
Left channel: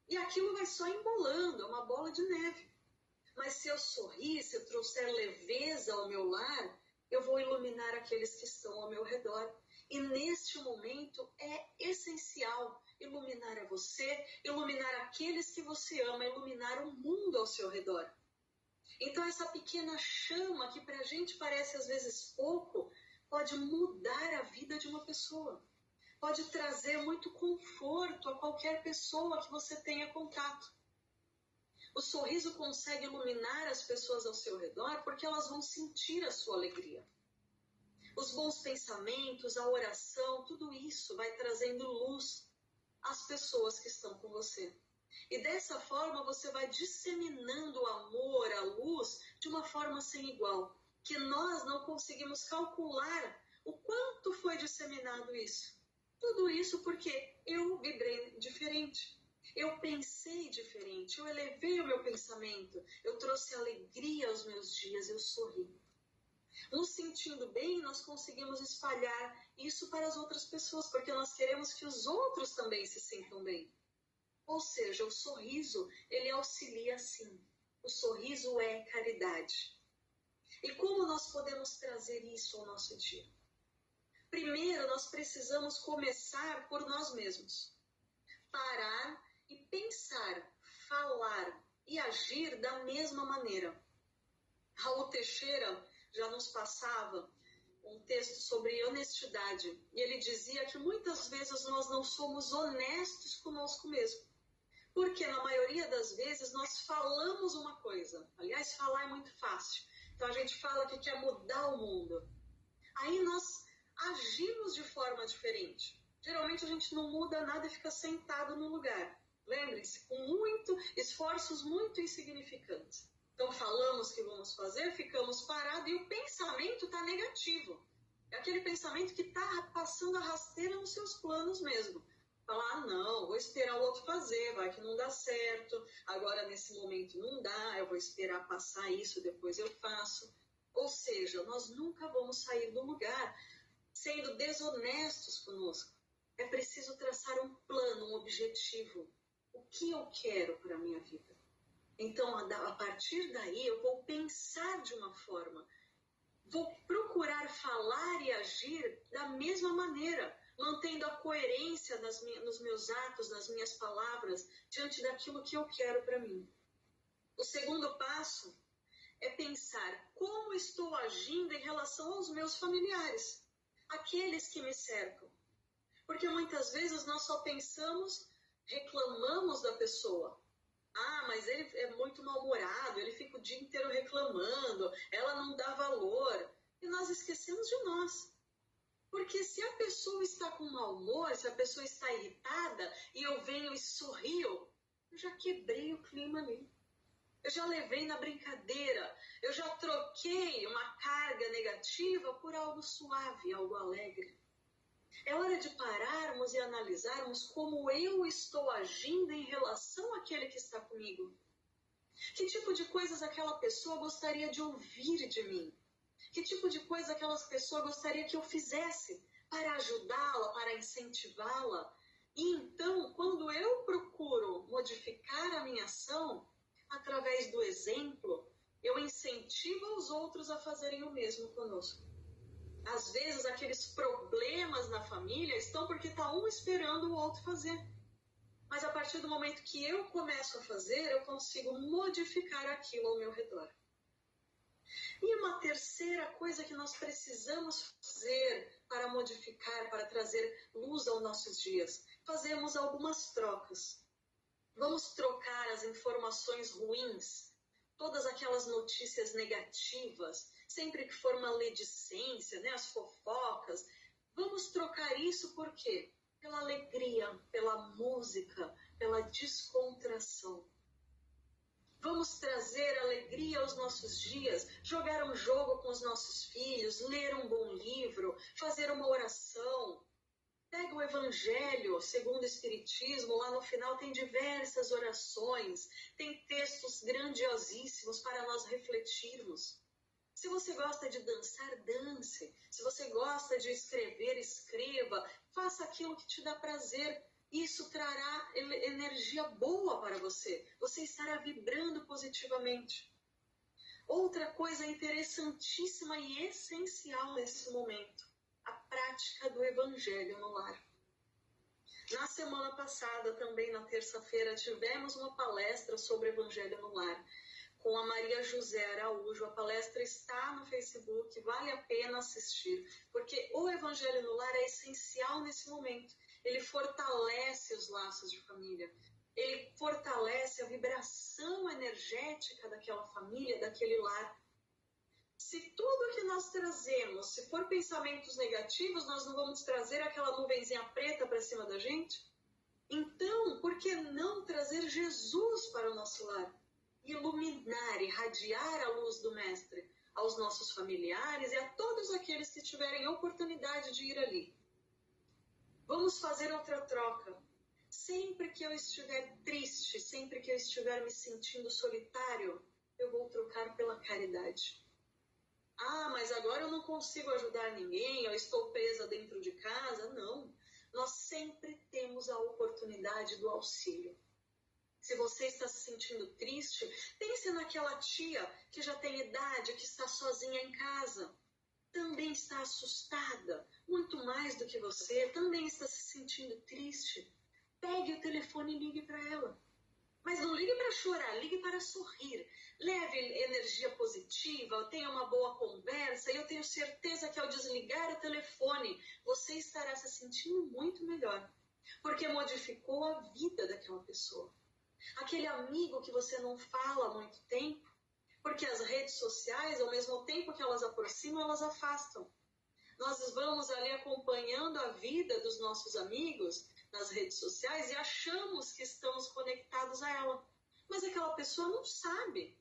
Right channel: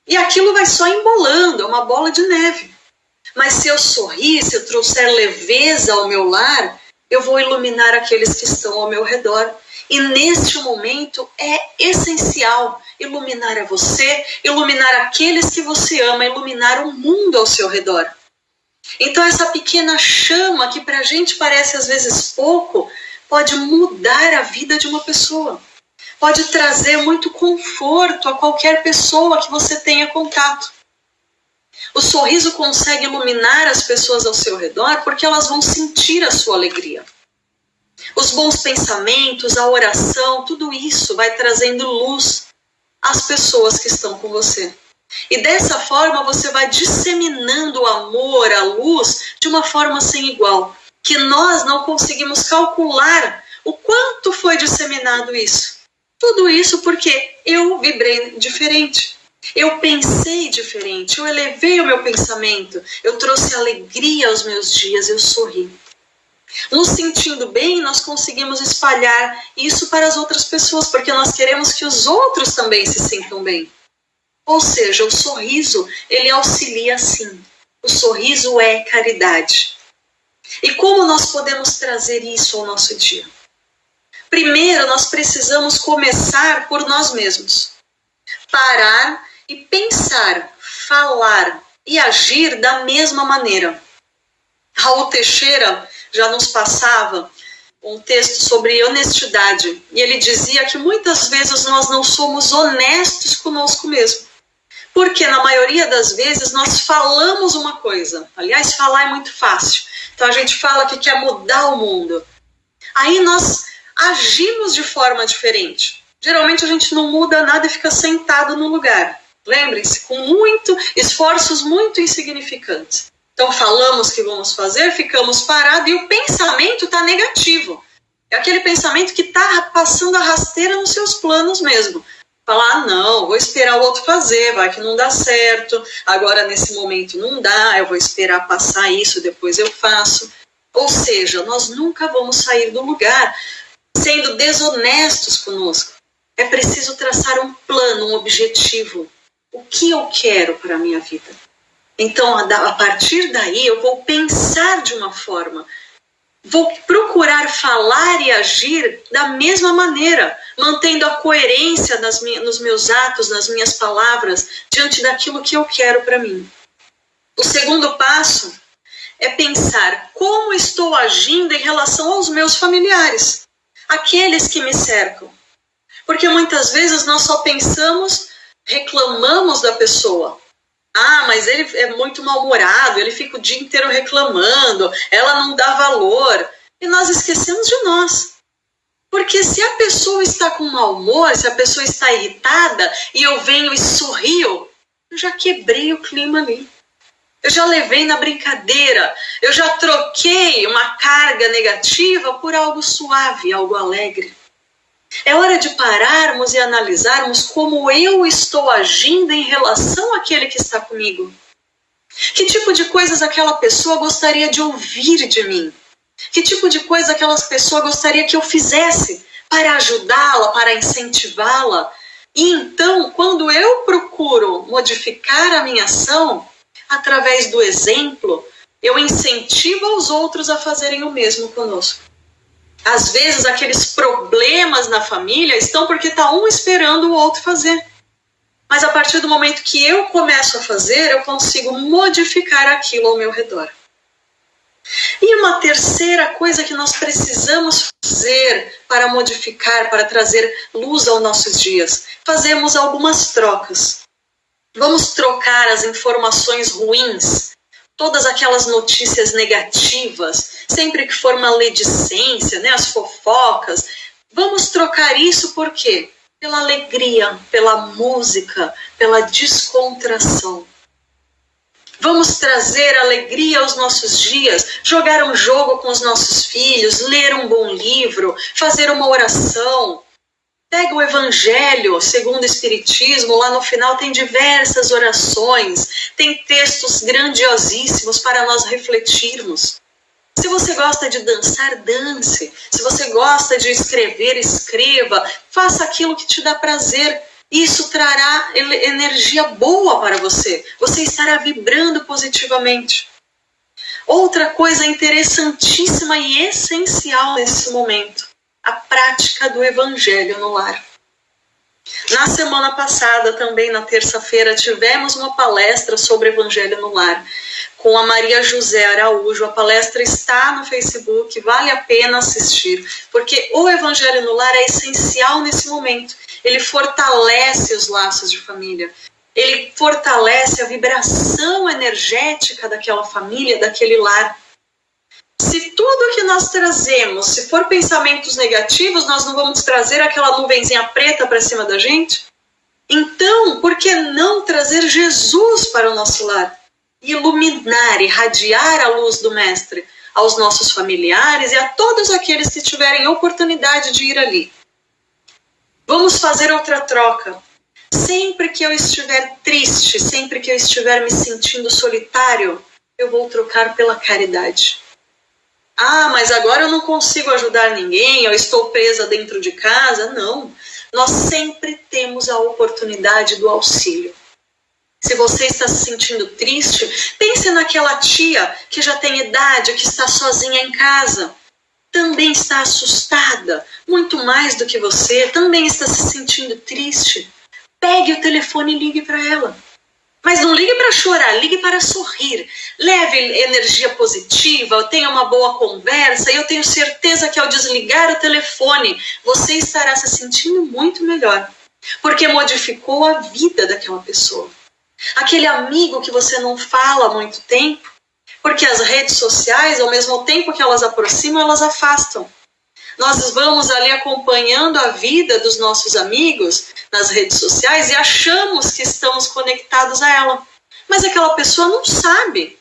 E aquilo vai só embolando, é uma bola de neve. Mas se eu sorrir, se eu trouxer leveza ao meu lar, eu vou iluminar aqueles que estão ao meu redor. E neste momento é essencial iluminar a você, iluminar aqueles que você ama, iluminar o mundo ao seu redor. Então essa pequena chama que para a gente parece às vezes pouco, pode mudar a vida de uma pessoa. Pode trazer muito conforto a qualquer pessoa que você tenha contato. O sorriso consegue iluminar as pessoas ao seu redor porque elas vão sentir a sua alegria. Os bons pensamentos, a oração, tudo isso vai trazendo luz às pessoas que estão com você. E dessa forma você vai disseminando o amor, a luz, de uma forma sem igual, que nós não conseguimos calcular O quanto foi disseminado isso? Tudo isso porque eu vibrei diferente. Eu pensei diferente, eu elevei o meu pensamento, eu trouxe alegria aos meus dias, eu sorri. Nos sentindo bem, nós conseguimos espalhar isso para as outras pessoas, porque nós queremos que os outros também se sintam bem. Ou seja, o sorriso, ele auxilia sim. O sorriso é caridade. E como nós podemos trazer isso ao nosso dia? Primeiro, nós precisamos começar por nós mesmos. Parar e pensar, falar e agir da mesma maneira. Raul Teixeira já nos passava um texto sobre honestidade. E ele dizia que muitas vezes nós não somos honestos conosco mesmo. Porque na maioria das vezes nós falamos uma coisa. Aliás, falar é muito fácil. Então a gente fala que quer mudar o mundo. Aí nós agimos de forma diferente. Geralmente a gente não muda nada e fica sentado no lugar. Lembrem-se, com esforços muito insignificantes. Então falamos que vamos fazer, ficamos parados e o pensamento está negativo. É aquele pensamento que está passando a rasteira nos seus planos mesmo. Falar, não, vou esperar o outro fazer, vai que não dá certo, agora nesse momento não dá, eu vou esperar passar isso, depois eu faço. Ou seja, nós nunca vamos sair do lugar sendo desonestos conosco. É preciso traçar um plano, um objetivo. O que eu quero para a minha vida? Então, a partir daí, eu vou pensar de uma forma. Vou procurar falar e agir da mesma maneira, mantendo a coerência nos meus atos, nas minhas palavras, diante daquilo que eu quero para mim. O segundo passo é pensar como estou agindo em relação aos meus familiares, aqueles que me cercam. Porque muitas vezes nós só pensamos, reclamamos da pessoa. Ah, mas ele é muito mal-humorado, ele fica o dia inteiro reclamando, ela não dá valor. E nós esquecemos de nós. Porque se a pessoa está com mau humor, se a pessoa está irritada, e eu venho e sorrio, eu já quebrei o clima ali. Eu já levei na brincadeira, eu já troquei uma carga negativa por algo suave, algo alegre. É hora de pararmos e analisarmos como eu estou agindo em relação àquele que está comigo. Que tipo de coisas aquela pessoa gostaria de ouvir de mim? Que tipo de coisa aquela pessoa gostaria que eu fizesse para ajudá-la, para incentivá-la? E então, quando eu procuro modificar a minha ação, através do exemplo, eu incentivo os outros a fazerem o mesmo conosco. Às vezes, aqueles problemas na família estão porque está um esperando o outro fazer. Mas a partir do momento que eu começo a fazer, eu consigo modificar aquilo ao meu redor. E uma terceira coisa que nós precisamos fazer para modificar, para trazer luz aos nossos dias, fazemos algumas trocas. Vamos trocar as informações ruins, todas aquelas notícias negativas, sempre que for maledicência, né, as fofocas, vamos trocar isso por quê? Pela alegria, pela música, pela descontração. Vamos trazer alegria aos nossos dias, jogar um jogo com os nossos filhos, ler um bom livro, fazer uma oração. Pega o Evangelho segundo o Espiritismo, lá no final tem diversas orações, tem textos grandiosíssimos para nós refletirmos. Se você gosta de dançar, dance. Se você gosta de escrever, escreva. Faça aquilo que te dá prazer. Isso trará energia boa para você. Você estará vibrando positivamente. Outra coisa interessantíssima e essencial nesse momento, a prática do Evangelho no lar. Na semana passada, também na terça-feira, tivemos uma palestra sobre Evangelho no lar, com a Maria José Araújo. A palestra está no Facebook, vale a pena assistir, porque o Evangelho no lar é essencial nesse momento. Ele fortalece os laços de família, ele fortalece a vibração energética daquela família, daquele lar. Se tudo que nós trazemos, se for pensamentos negativos, nós não vamos trazer aquela nuvenzinha preta para cima da gente? Então, por que não trazer Jesus para o nosso lar? Iluminar, irradiar a luz do Mestre, aos nossos familiares e a todos aqueles que tiverem oportunidade de ir ali. Vamos fazer outra troca. Sempre que eu estiver triste, sempre que eu estiver me sentindo solitário, eu vou trocar pela caridade. Ah, mas agora eu não consigo ajudar ninguém, eu estou presa dentro de casa. Não, nós sempre temos a oportunidade do auxílio. Se você está se sentindo triste, pense naquela tia que já tem idade, que está sozinha em casa. Também está assustada, muito mais do que você, também está se sentindo triste. Pegue o telefone e ligue para ela. Mas não ligue para chorar, ligue para sorrir. Leve energia positiva, tenha uma boa conversa e eu tenho certeza que ao desligar o telefone, você estará se sentindo muito melhor. Porque modificou a vida daquela pessoa. Aquele amigo que você não fala há muito tempo, porque as redes sociais, ao mesmo tempo que elas aproximam, elas afastam. Nós vamos ali acompanhando a vida dos nossos amigos nas redes sociais e achamos que estamos conectados a ela. Mas aquela pessoa não sabe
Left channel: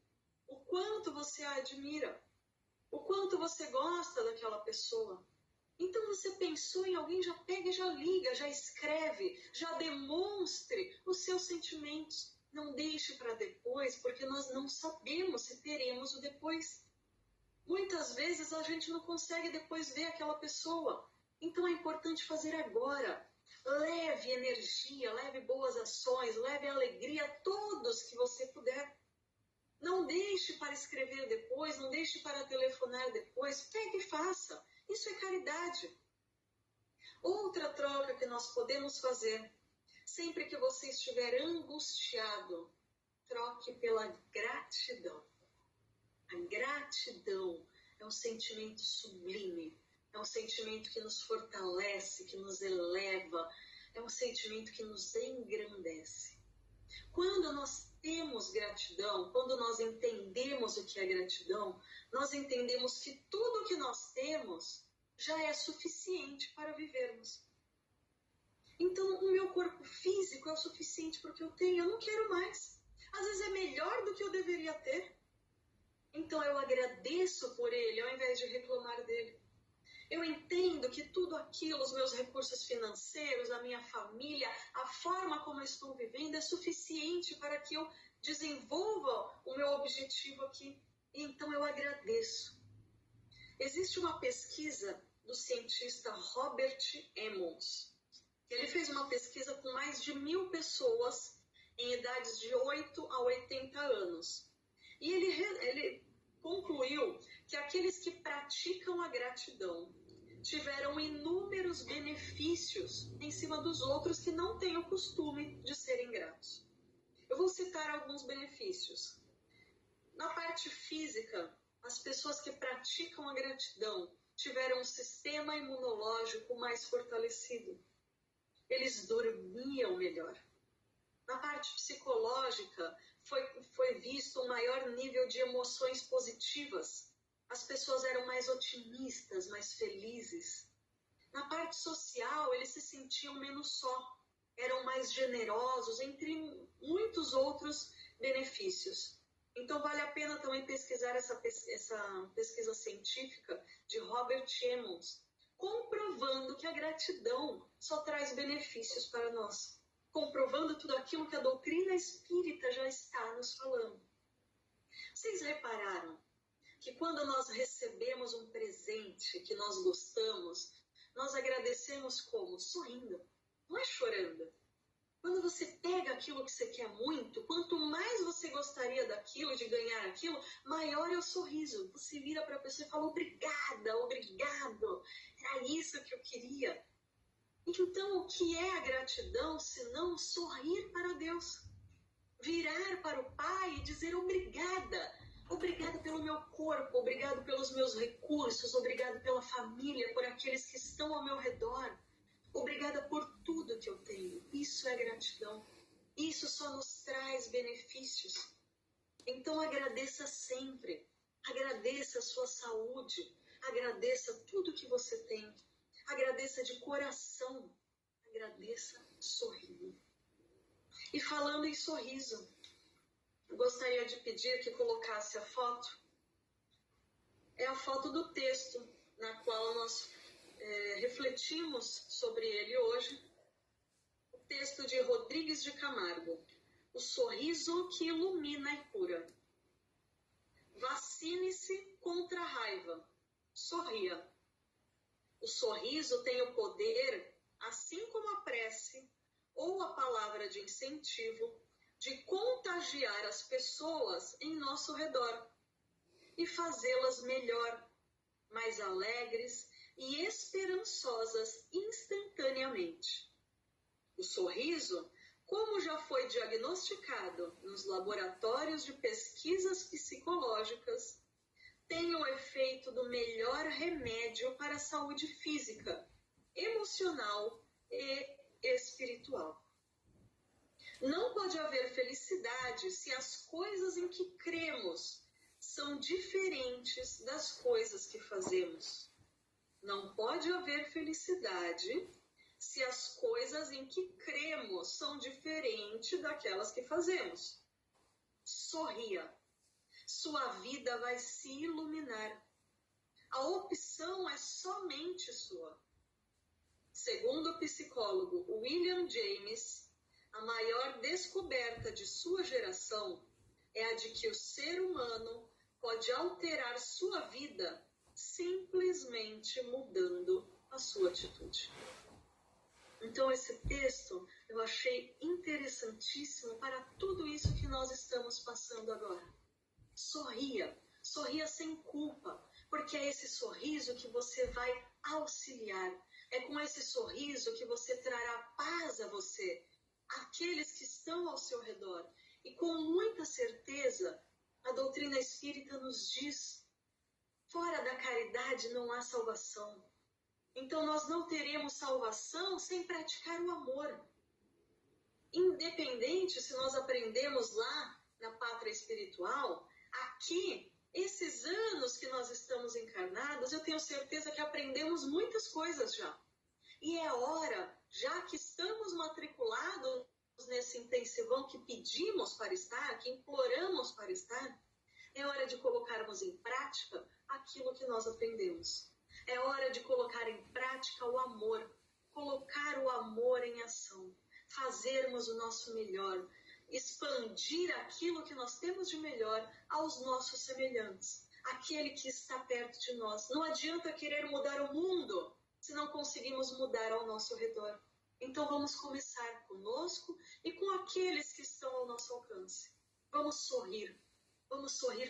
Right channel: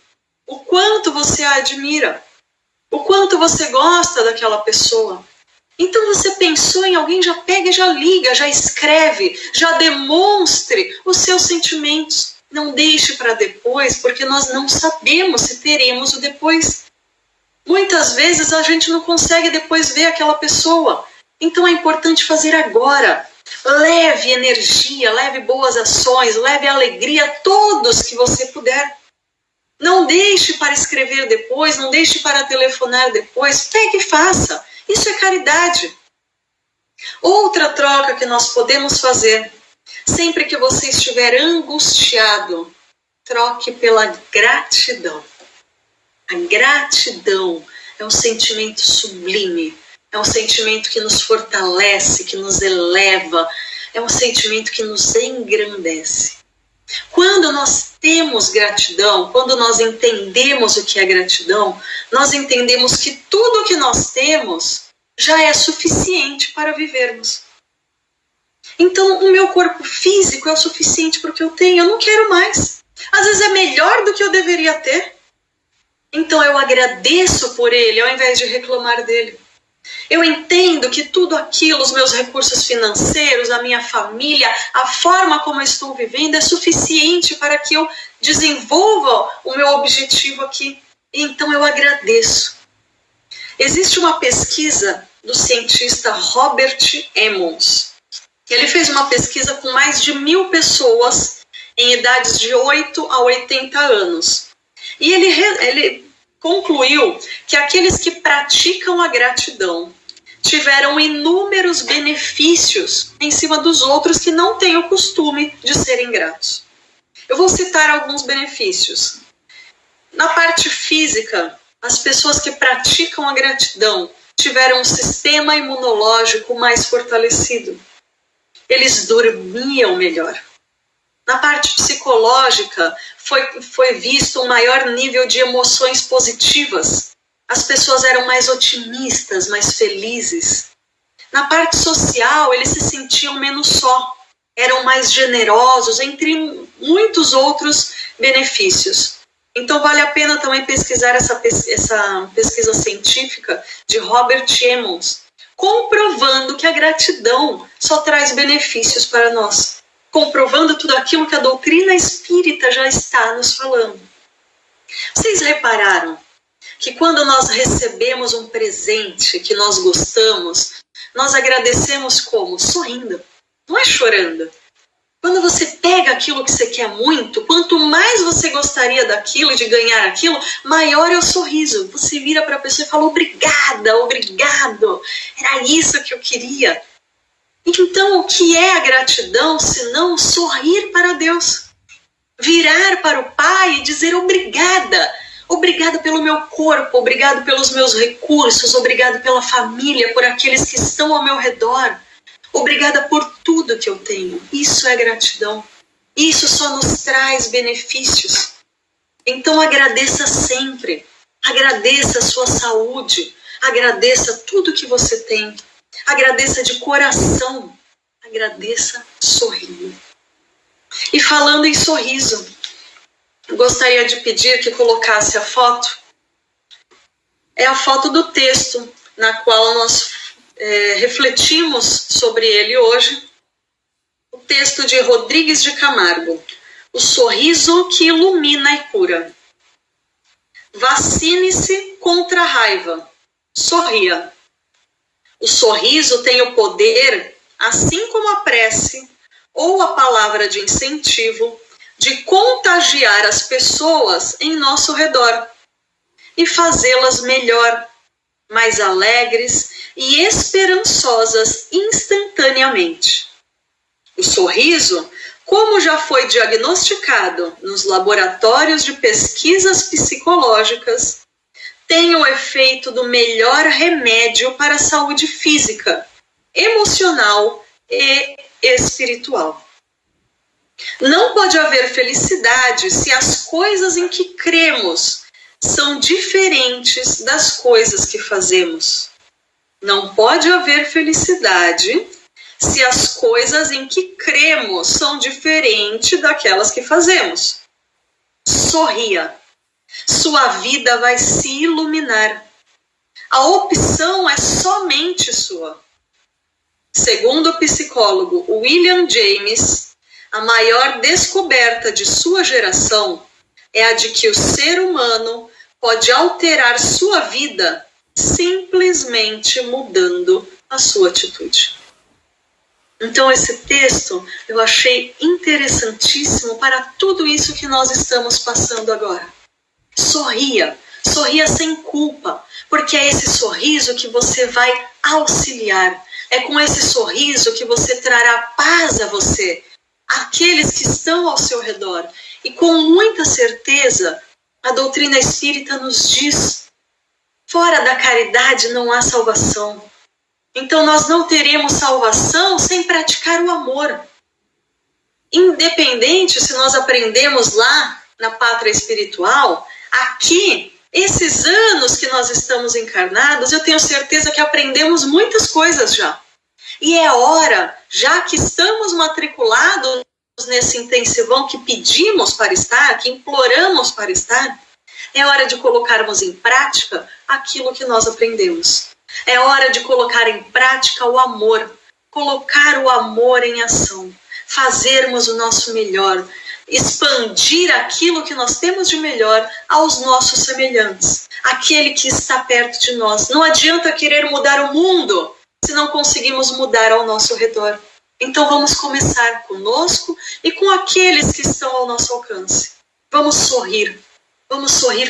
o quanto você a admira, o quanto você gosta daquela pessoa. Então você pensou em alguém, já pega e já liga, já escreve, já demonstre os seus sentimentos. Não deixe para depois, porque nós não sabemos se teremos o depois. Muitas vezes a gente não consegue depois ver aquela pessoa. Então é importante fazer agora. Leve energia, leve boas ações, leve alegria a todos que você puder. Não deixe para escrever depois, não deixe para telefonar depois. Pegue e faça. Isso é caridade. Outra troca que nós podemos fazer, sempre que você estiver angustiado, troque pela gratidão. A gratidão é um sentimento sublime, é um sentimento que nos fortalece, que nos eleva, é um sentimento que nos engrandece. Quando nós temos gratidão, quando nós entendemos o que é gratidão, nós entendemos que tudo o que nós temos já é suficiente para vivermos. Então, o meu corpo físico é o suficiente para o que eu tenho, eu não quero mais. Às vezes é melhor do que eu deveria ter. Então eu agradeço por ele, ao invés de reclamar dele. Eu entendo que tudo aquilo, os meus recursos financeiros, a minha família, a forma como eu estou vivendo é suficiente para que eu desenvolva o meu objetivo aqui. Então eu agradeço. Existe uma pesquisa do cientista Robert Emmons. Ele fez uma pesquisa com mais de 1.000 pessoas em idades de 8 a 80 anos. E ele concluiu que aqueles que praticam a gratidão tiveram inúmeros benefícios em cima dos outros que não têm o costume de serem gratos. Eu vou citar alguns benefícios. Na parte física, as pessoas que praticam a gratidão tiveram um sistema imunológico mais fortalecido. Eles dormiam melhor. Na parte psicológica, foi visto um maior nível de emoções positivas. As pessoas eram mais otimistas, mais felizes. Na parte social, eles se sentiam menos só. Eram mais generosos, entre muitos outros benefícios. Então, vale a pena também pesquisar essa pesquisa científica de Robert Emmons, comprovando que a gratidão só traz benefícios para nós. Comprovando tudo aquilo que a doutrina espírita já está nos falando. Vocês repararam que quando nós recebemos um presente que nós gostamos, nós agradecemos como? Sorrindo, não é chorando. Quando você pega aquilo que você quer muito, quanto mais você gostaria daquilo, de ganhar aquilo, maior é o sorriso. Você vira para a pessoa e fala, obrigada, obrigado, era isso que eu queria. Então, o que é a gratidão, senão sorrir para Deus? Virar para o Pai e dizer obrigada. Obrigada pelo meu corpo, obrigado pelos meus recursos, obrigado pela família, por aqueles que estão ao meu redor. Obrigada por tudo que eu tenho. Isso é gratidão. Isso só nos traz benefícios. Então, agradeça sempre. Agradeça a sua saúde. Agradeça tudo que você tem. Agradeça de coração, agradeça sorrindo. E falando em sorriso, gostaria de pedir que colocasse a foto é a foto do texto na qual nós refletimos sobre ele hoje. O texto de Rodrigues de Camargo, O sorriso que ilumina e cura. Vacine-se contra a raiva. Sorria. O sorriso tem o poder, assim como a prece ou a palavra de incentivo, de contagiar as pessoas em nosso redor e fazê-las melhor, mais alegres e esperançosas instantaneamente. O sorriso, como já foi diagnosticado nos laboratórios de pesquisas psicológicas, tem o efeito do melhor remédio para a saúde física, emocional e espiritual. Não pode haver felicidade se as coisas em que cremos são diferentes das coisas que fazemos. Não pode haver felicidade se as coisas em que cremos são diferentes daquelas que fazemos. Sorria. Sua vida vai se iluminar. A opção é somente sua. Segundo o psicólogo William James, a maior descoberta de sua geração é a de que o ser humano pode alterar sua vida simplesmente mudando a sua atitude. Então esse texto eu achei interessantíssimo para tudo isso que nós estamos passando agora. Sorria, sorria sem culpa, porque é esse sorriso que você vai auxiliar. É com esse sorriso que você trará paz a você, àqueles que estão ao seu redor. E com muita certeza, a doutrina espírita nos diz, fora da caridade não há salvação. Então nós não teremos salvação sem praticar o amor. Independente se nós aprendemos lá na pátria espiritual, aqui, esses anos que nós estamos encarnados, eu tenho certeza que aprendemos muitas coisas já. E é hora, já que estamos matriculados nesse intensivão que pedimos para estar, que imploramos para estar, é hora de colocarmos em prática aquilo que nós aprendemos. É hora de colocar em prática o amor, colocar o amor em ação, fazermos o nosso melhor, expandir aquilo que nós temos de melhor aos nossos semelhantes, aquele que está perto de nós. Não adianta querer mudar o mundo se não conseguimos mudar ao nosso redor. Então vamos começar conosco e com aqueles que estão ao nosso alcance. Vamos sorrir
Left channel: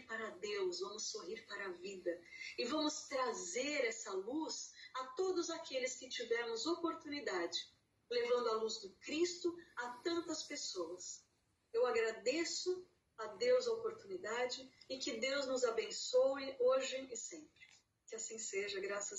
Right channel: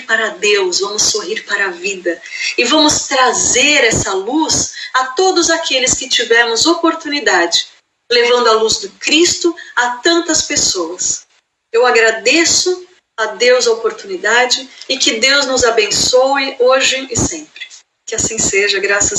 para Deus, vamos sorrir para a vida e vamos trazer essa luz a todos aqueles que tivermos oportunidade, levando a luz do Cristo a tantas pessoas. Eu agradeço a Deus a oportunidade e que Deus nos abençoe hoje e sempre. Que assim seja, graças